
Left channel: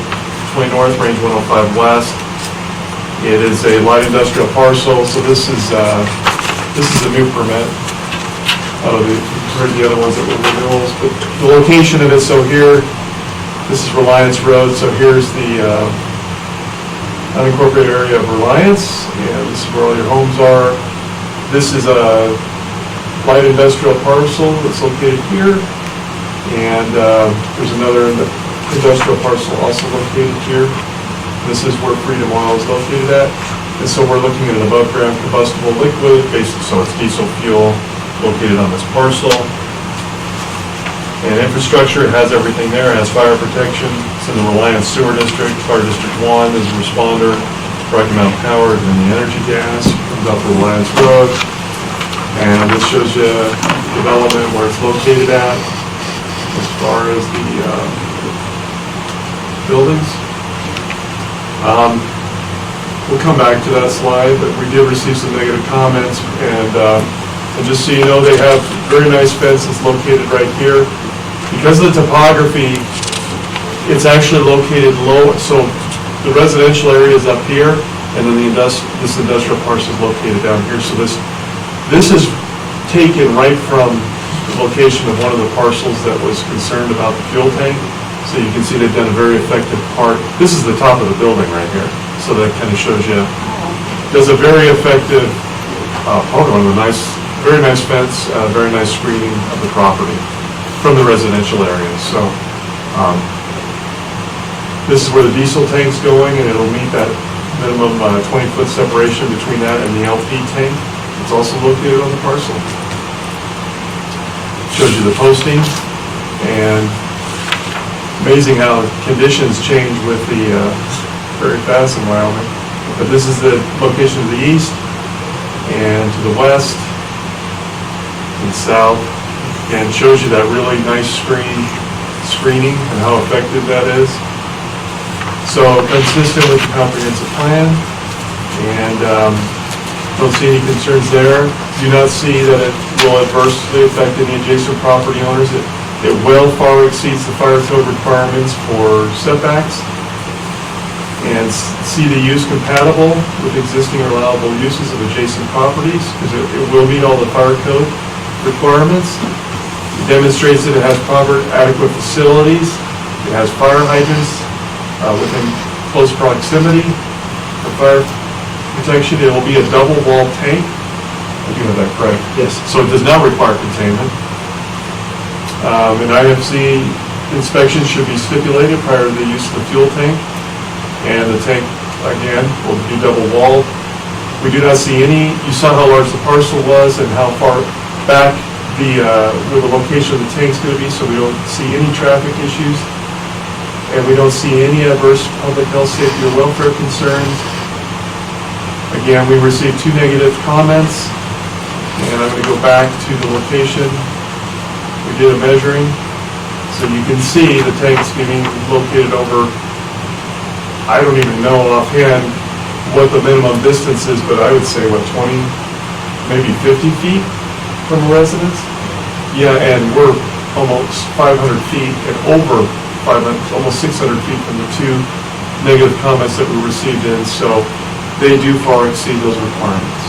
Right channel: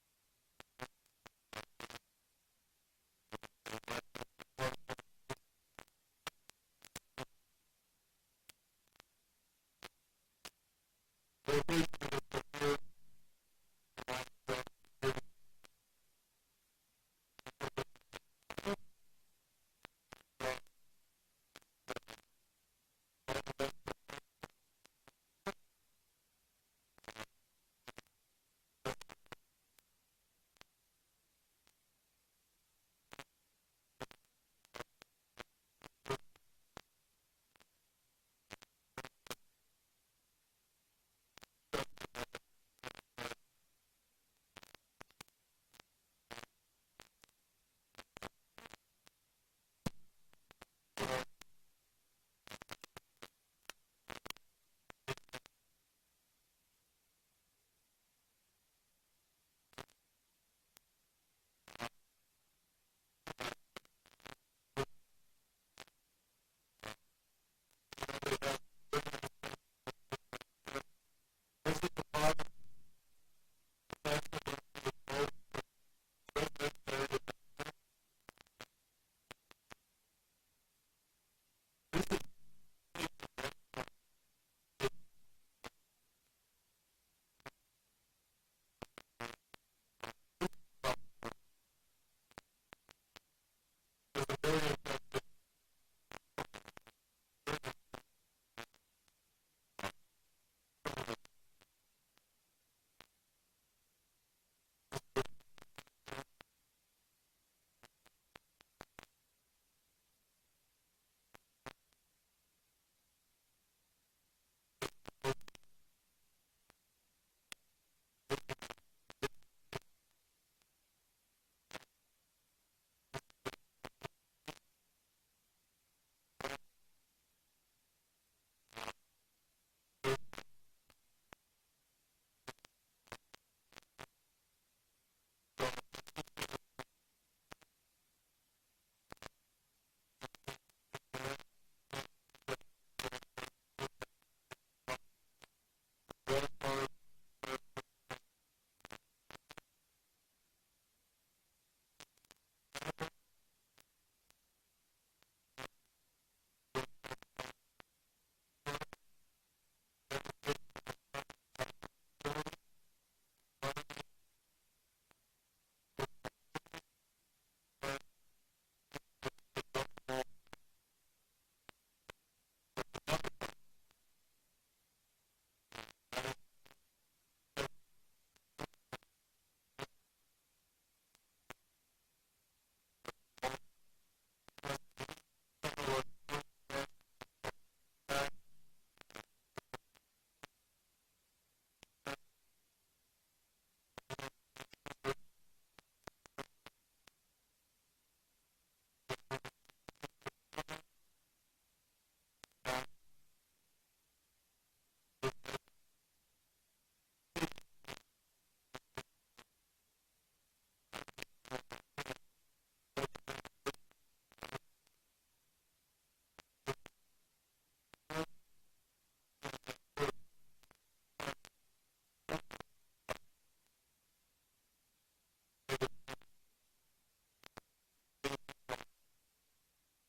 20 north, range 105 west. It is a light industrial parcel, so this is a new permit. You've heard the other ones that were renewals, but the location of it, so here, this is Reliance Road, so here's the unincorporated area of Reliance, and this is where all your homes are. This is a light industrial parcel that's located here, and there's another industrial parcel also located here. This is where Freedom Oil is located at, and so we're looking at an above-ground combustible liquid, basically, so it's diesel fuel located on this parcel. And infrastructure, it has everything there, it has fire protection, it's in the Reliance Sewer District, Fire District 1 is a responder, Rocky Mountain Power, and the energy gas, comes out to Reliance Road. And this shows you development where it's located at, as far as the buildings. We'll come back to that slide, but we did receive some negative comments, and just so you know, they have very nice fences located right here. Because of the topography, it's actually located low, so the residential area is up here, and then this industrial parcel is located down here. So this is taken right from the location of one of the parcels that was concerned about the fuel tank. So you can see they've done a very effective part. This is the top of the building right here, so that kind of shows you. Does a very effective, very nice fence, very nice screening of the property from the residential area. So this is where the diesel tank's going, and it'll meet that minimum 20-foot separation between that and the LP tank. It's also located on the parcel. Shows you the posting, and amazing how conditions change with the very fast in Wyoming. But this is the location to the east, and to the west, and south, and shows you that really nice screening and how effective that is. So consistent with the comprehensive plan, and don't see any concerns there. Do not see that it will adversely affect any adjacent property owners. It well far exceeds the fire code requirements for setbacks, and see the use compatible with existing or allowable uses of adjacent properties, because it will meet all the fire code requirements. It demonstrates that it has proper adequate facilities. It has fire hydrants within close proximity for fire protection. It will be a double wall tank. I do have that correct. Yes. So it does not require containment. An IFC inspection should be stipulated prior to the use of the fuel tank. And the tank, again, will be double walled. We do not see any, you saw how large the parcel was and how far back where the location of the tank's going to be, so we don't see any traffic issues. And we don't see any adverse public health, safety, or welfare concerns. Again, we received 2 negative comments, and I'm going to go back to the location. We did a measuring, so you can see the tank's getting located over, I don't even know offhand what the minimum distance is, but I would say, 20, maybe 50 feet from a residence? Yeah, and we're almost 500 feet and over 500, almost 600 feet from the 2 negative comments that we received in, so they do far exceed those requirements.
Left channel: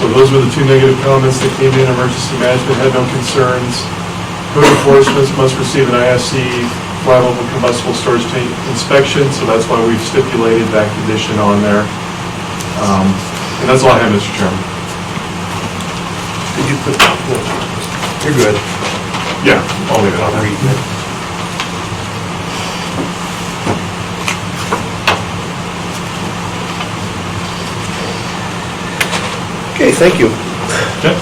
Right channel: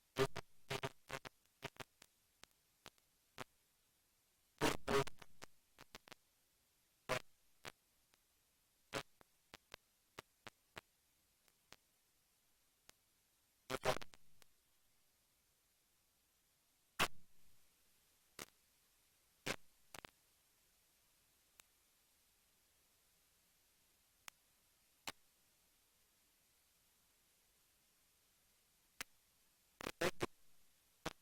So those were the 2 negative comments that came in. Emergency management had no concerns. Code enforcement must receive an IFC flammable combustible storage tank inspection, so that's why we've stipulated that condition on there. And that's all I have, Mr. Chairman. Did you put, you're good. Yeah, I'll leave it on there. Okay, thank you. Okay.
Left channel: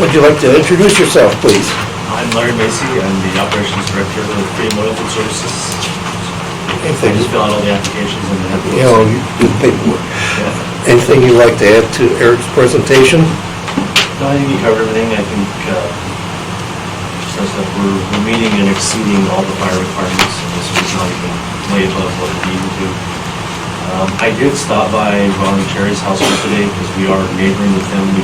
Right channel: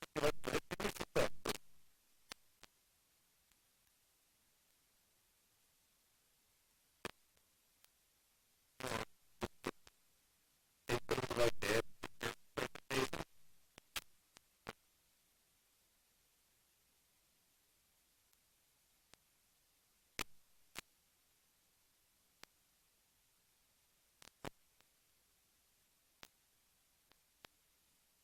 Would you like to introduce yourself, please? I'm Larry Macy, I'm the Operations Director of Freedom Oil Field Services. I Anything, just fill out all the applications and have you know, you do the paperwork. Yeah. Anything you'd like to add to Eric's presentation? No, I think you covered everything. I think just as that we're meeting and exceeding all the fire requirements, and this was not even way above what it needed to. I did stop by Ron and Cherry's house today because we are neighboring with them. We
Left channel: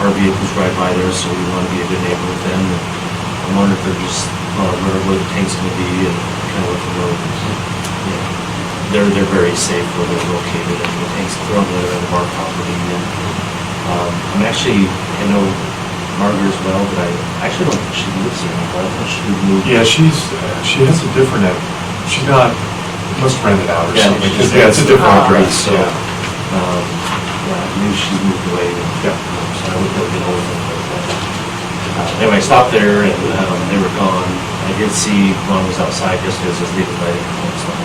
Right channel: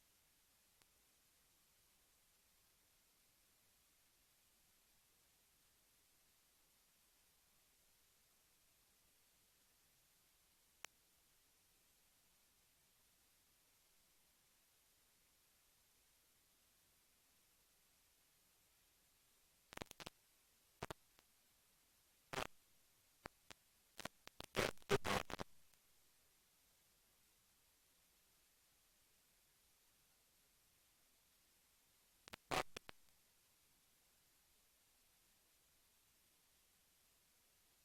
our vehicles drive by there, so we want to be a good neighbor with them. And I'm wondering if they're just, where the tank's gonna be and kind of what the road is. They're very safe where they're located, and the tanks are on the other end of our property. And I'm actually, I know Margaret as well, but I actually don't think she lives here. I don't think she moved. Yeah, she has a different, she's not, must rent it out or Yeah, something. like Because, yeah, it's a different address, So, yeah. maybe she's moved away. Yeah. So I would have been over there. Anyway, I stopped there and they were gone. I did see Ron was outside yesterday, so I was leaving lighting and stuff.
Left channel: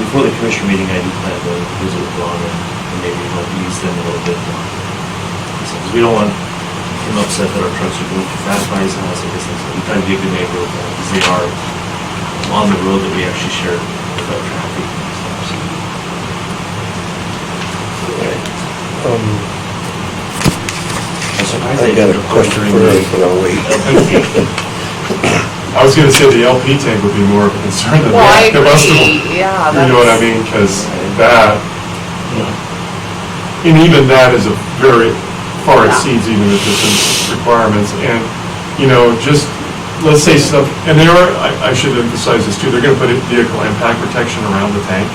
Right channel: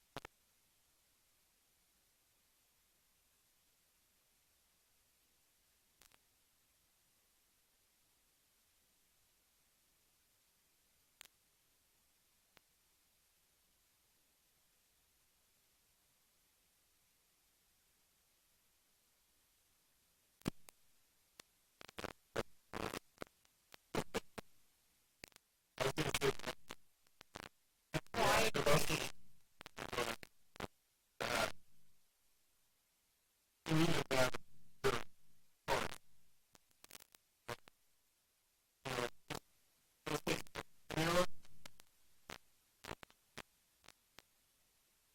Before the commission meeting, I do plan to visit with Ron and maybe help ease them a little bit. Because we don't want him upset that our trucks are going too fast by his house. I guess we try to be a good neighbor with them because they are on the road that we actually share with our traffic and stuff. So. I'm surprised I they got a didn't question report for during her, but I'll wait. I was gonna say the LP tank would be more of a concern than Well, I the rest of them. agree, yeah. You know what I that's- mean? Because that, and even that is a very, far Yeah. exceeds even the distance requirements. And, you know, just, let's say some, and they are, I should emphasize this too, they're gonna put a vehicle impact protection around the tank.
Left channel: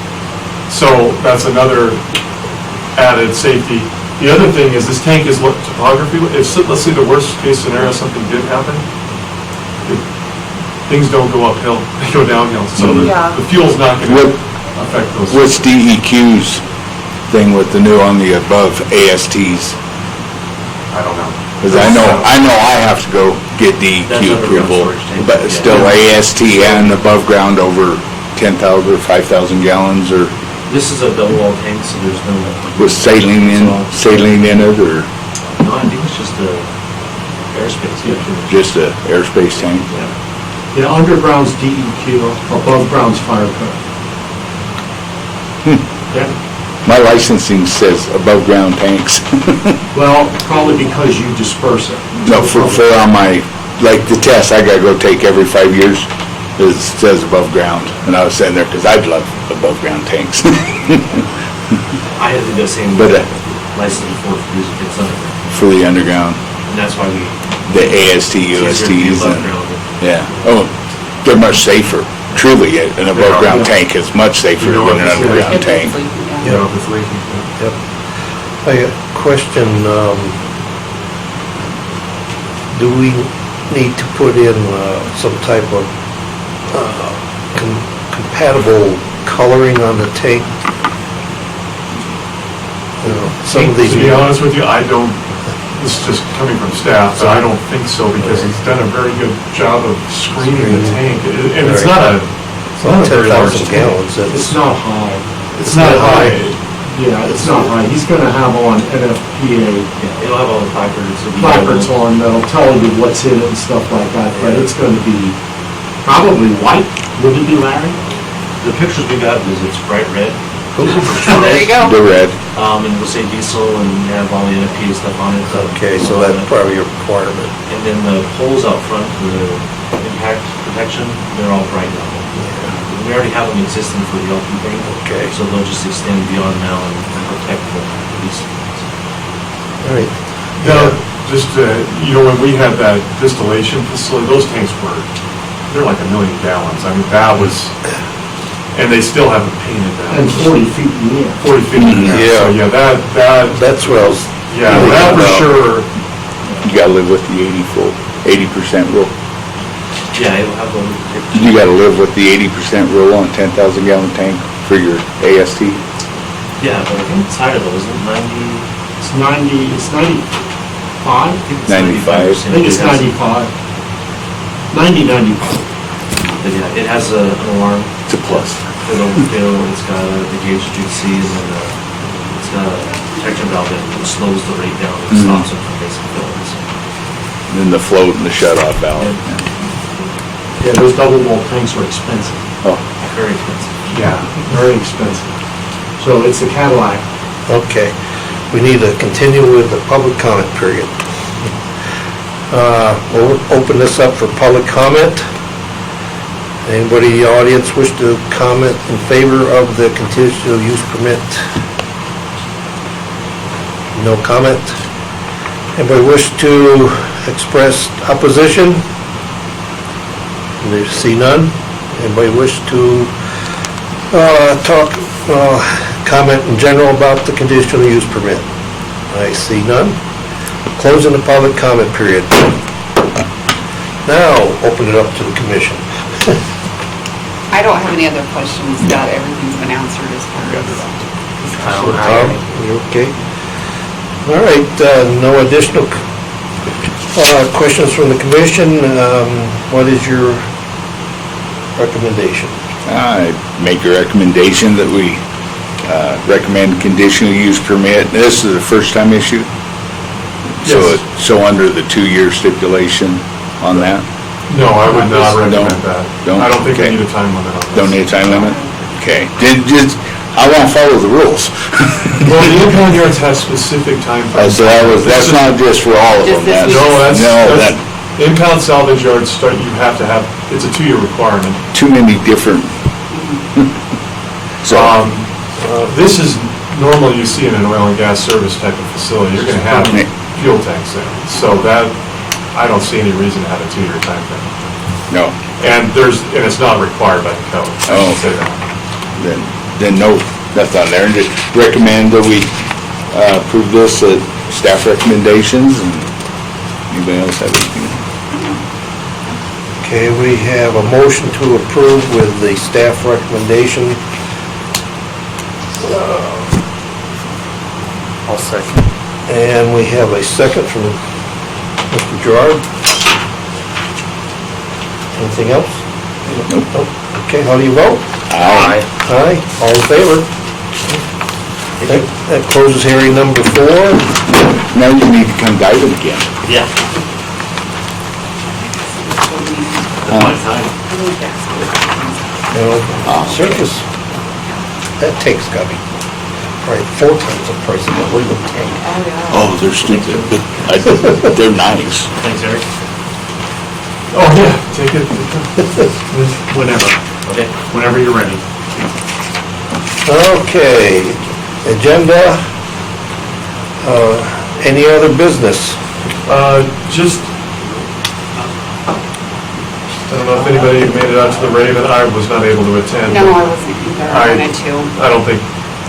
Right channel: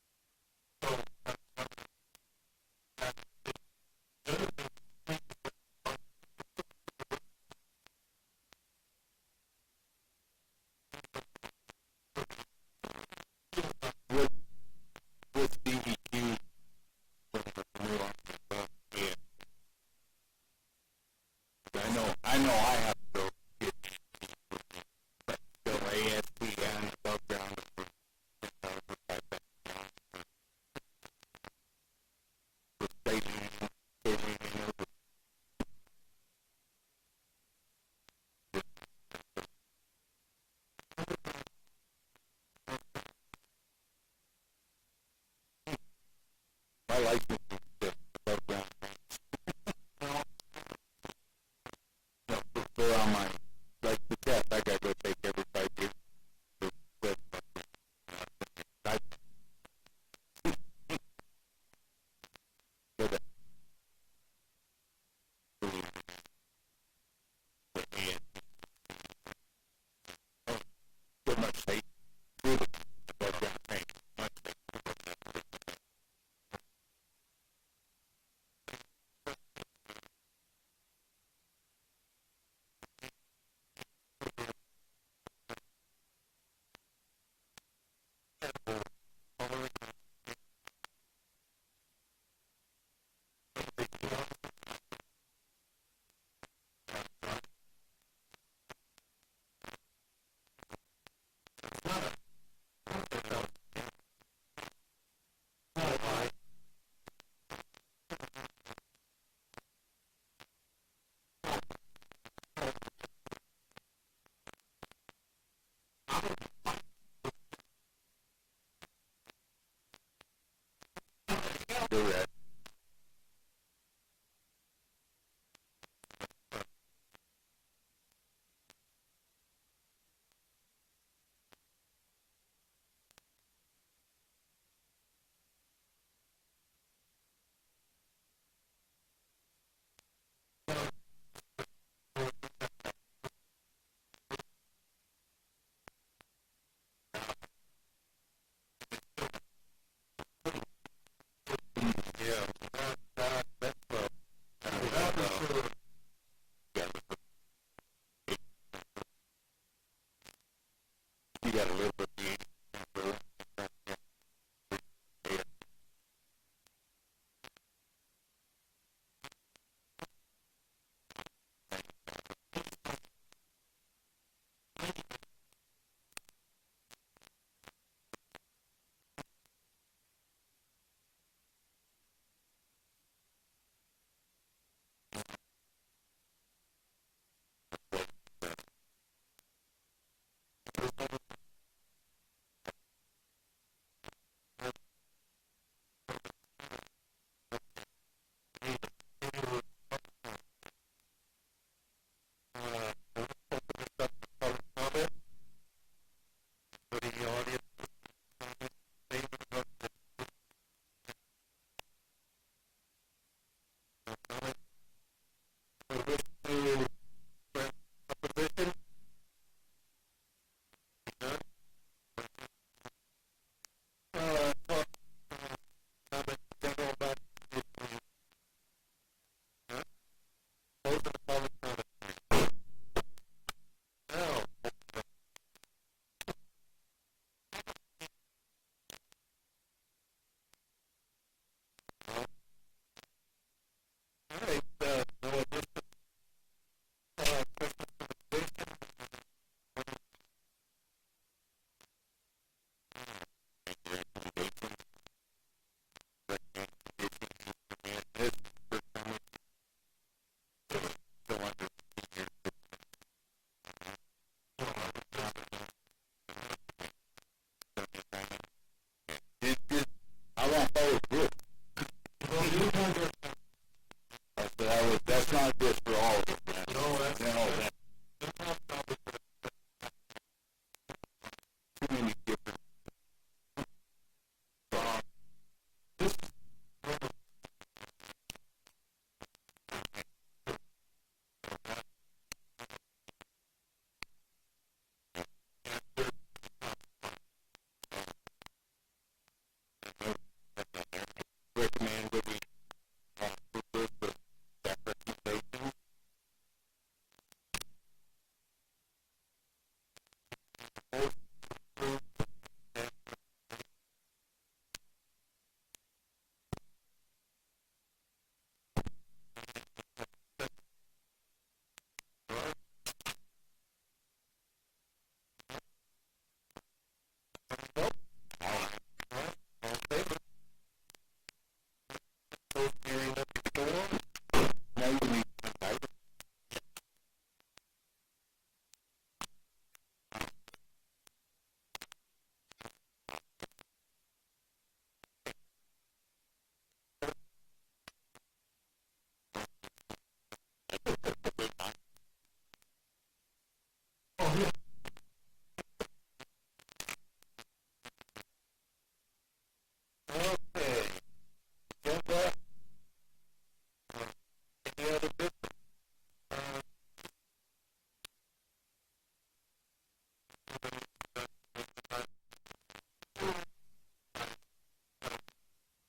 So that's another added safety. The other thing is this tank is what topography, if, let's say the worst case scenario, something did happen, things don't go uphill, they go downhill. So Yeah. the fuel's not gonna What- affect those. What's DEQ's thing with the new on the above ASTs? I don't know. Because I know I have to go get That's DEQ underground approval, storage tank, but yeah. still AST and above ground over 10,000 or 5,000 gallons or This is a double wall tank, so there's no. with saline in it or No, I think it's just a airspace. Yeah. just a airspace tank? Yeah, underground's DEQ, above ground's fire code. Yeah, My licensing says above ground tanks. well, probably because you disperse it. No, for on my, like the test I gotta go take every 5 years, it says above ground. And I was sitting there because I'd love above ground tanks. I had to do the same. But, license before it's underground, for the underground, and that's why we. the AST, it's easier to be USTs above and, ground. yeah. Oh, they're much safer. Truly, an above ground tank is much safer You know than what an this is? underground If tank. it's leaking, yeah. You know, if it's leaking. Yep. I got a question, do we need to put in some type of compatible coloring on the tank? You know, some of these. To be honest with you, I don't, this is just coming from staff, but I don't think so because he's done a very good job of screening the tank. And it's not a very large 10,000 tank. gallons, It's not high. It's not high. Yeah, it's not high. He's gonna have on NFPA Yeah, it'll have all the placards. it'll be placards labeled. on that'll tell you what's in it and stuff like that, but it's gonna be probably white. Would it be, Larry? The pictures we got is it's bright red. Oh, there you go. The red. And it'll say diesel and have all the NFP stuff on it. Okay, so that's probably a requirement. And then the poles out front for the impact protection, they're all bright yellow. We already have them existing for the LP thing. Okay. So they'll just extend beyond now and protect the diesel. All right. Now, just, you know, when we had that distillation facility, those tanks were, they're like 1 million gallons. I mean, that was, and they still haven't painted And them. 40 feet in the air. 40 feet in the air. So, yeah, that, That's what I was. yeah, thinking that for about. sure. You gotta live with the 80% rule. Yeah, it'll have a. You gotta live with the 80% rule on 10,000 gallon tank for your AST. Yeah, but I think it's higher though, isn't it? 90? It's 90, it's 95? I think it's 95. 95%. I think it's It has- 95. 95. But yeah, it has an alarm. It's a plus. For the overfill, it's got the gauge that you can see, and then it's got a protection valve that slows the rate down and stops it from basic filling. So, Then the float and the shut off valve. Yeah, those double wall tanks are expensive. Oh, very expensive. Yeah, very expensive. So it's a Cadillac. Okay, we need to continue with the public comment period. We'll open this up for public comment. Anybody in the audience wish to comment in favor of the conditional use permit? No comment? Anybody wish to express opposition? There see none. Anybody wish to comment in general about the conditional use permit? I see none. Closing the public comment period. Now, open it up to the commission. I don't have any other questions. That everything's been answered as far as. Tom, you okay? All right, no additional questions from the commission. What is your recommendation? I make a recommendation that we recommend conditional use permit. This is a first-time issue? Yes. So under the 2-year stipulation on that? No, I would not recommend Don't- that. don't? I don't think we Okay. need a time limit on this. Don't need a time limit? Okay. I want to follow the rules. Well, the impound yards have specific time frames. So that's not just for all of Just them. this That's No, No, that's, impound salvage yards start, you have to have, it's a 2-year requirement. too many different. So, This is normal you see in an oil and gas service type of facility, you're gonna have fuel tanks there. So that, I don't see any reason to have a 2-year time frame. no, And it's not required by the code, I Oh, should say that. then no, that's on there. And just recommend that we approve this at staff recommendations. And anybody else have anything? Okay, we have a motion to approve with the staff recommendation. I'll second. And we have a second from Mr. Gerard. Anything else? Nope. Okay, how do you vote? Aye. Aye, all in favor? That closes hearing number 4. Now you need to come guide it again. Yeah. That's my time. You know, circus, that take's got to be probably 4 times the price of a legal tank. Oh, they're stupid, but they're nice. Thanks, Eric. Oh, yeah, take it. Whenever. Okay. Whenever you're ready. Okay, agenda, any other business? Just, I don't know if anybody made it out to the Raven, I was not able to attend. No, I wasn't either. I wanted to. I don't think,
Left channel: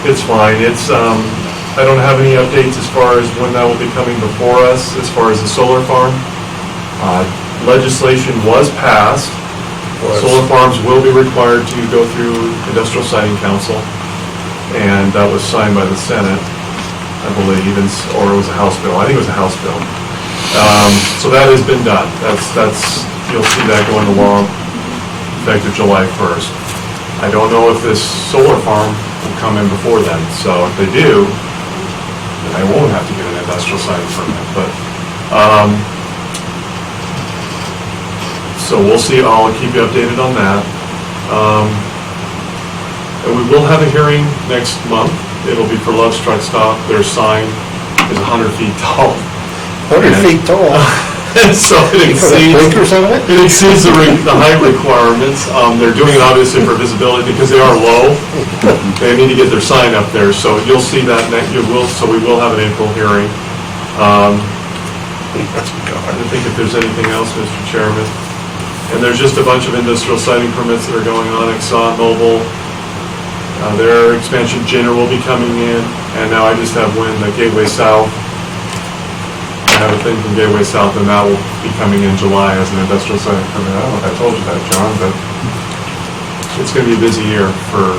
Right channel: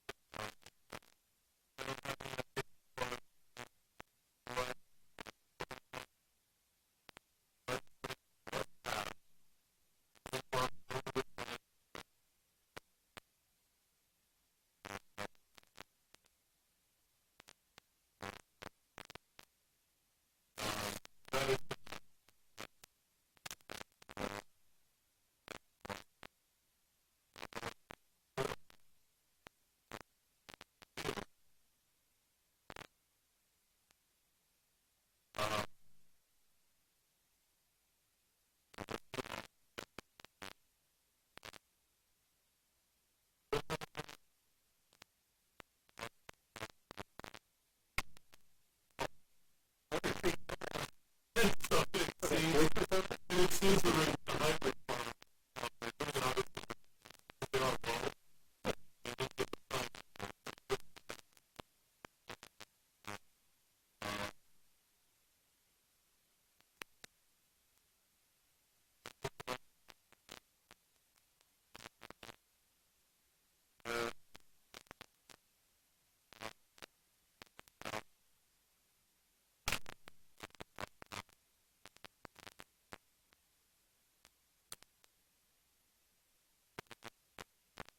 it's fine, it's, I don't have any updates as far as when that will be coming before us, as far as the solar farm. Legislation was passed, solar farms will be required to go through Industrial Siting Council, and that was signed by the Senate, I believe, or it was a House bill, I think it was a House bill. So that has been done, that's, you'll see that going along, effective July 1st. I don't know if this solar farm will come in before then, so if they do, then I won't have to get an industrial siting permit, but, so we'll see, I'll keep you updated on that. And we will have a hearing next month, it'll be for Love's Truck Stop, their sign is 100 feet tall. 100 feet tall. So it You put exceeds. blinkers on it? It exceeds the height requirements. They're doing it obviously for visibility because they are low. They need to get their sign up there, so you'll see that, so we will have an April hearing. I don't think if there's anything else, Mr. Chairman. And there's just a bunch of industrial siting permits that are going on, ExxonMobil. Their expansion Jenner will be coming in, and now I just have the Gateway South. I have a thing from Gateway South, and that will be coming in July as an industrial siting permit. I don't know if I told you that, John, but it's going to be a busy year for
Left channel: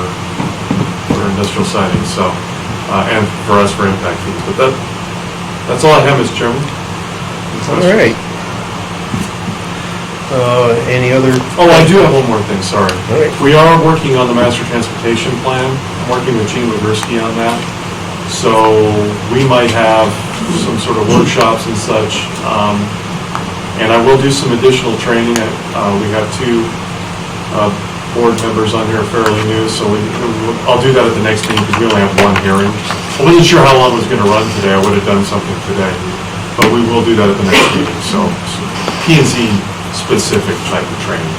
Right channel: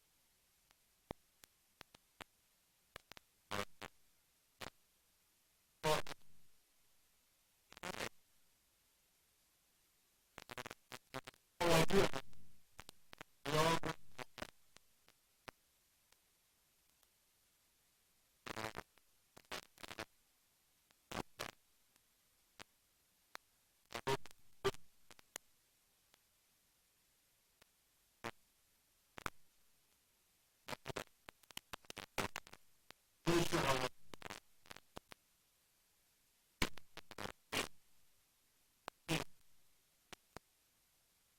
industrial siting, so, and for us for impact fees. But that's all I have, Mr. Chairman. All right. Any other? Oh, I do have one more thing, sorry. All right. We are working on the master transportation plan. I'm working with Gene Wigurski on that. So we might have some sort of workshops and such. And I will do some additional training. We have 2 board members on here fairly new, so I'll do that at the next meeting because we only have 1 hearing. I wasn't sure how long it was going to run today. I would have done something today. But we will do that at the next meeting, so P&Z specific type of training.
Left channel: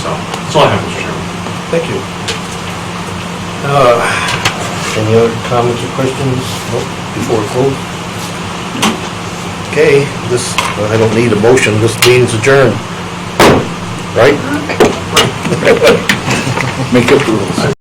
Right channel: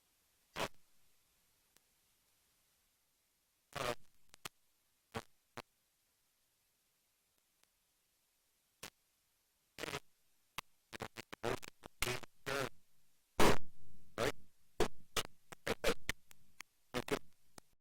So, that's all I have, Mr. Chairman. Thank you. Any other comments or questions before we close? Okay, this, I don't need a motion, this meeting's adjourned. Right? Make up the rules.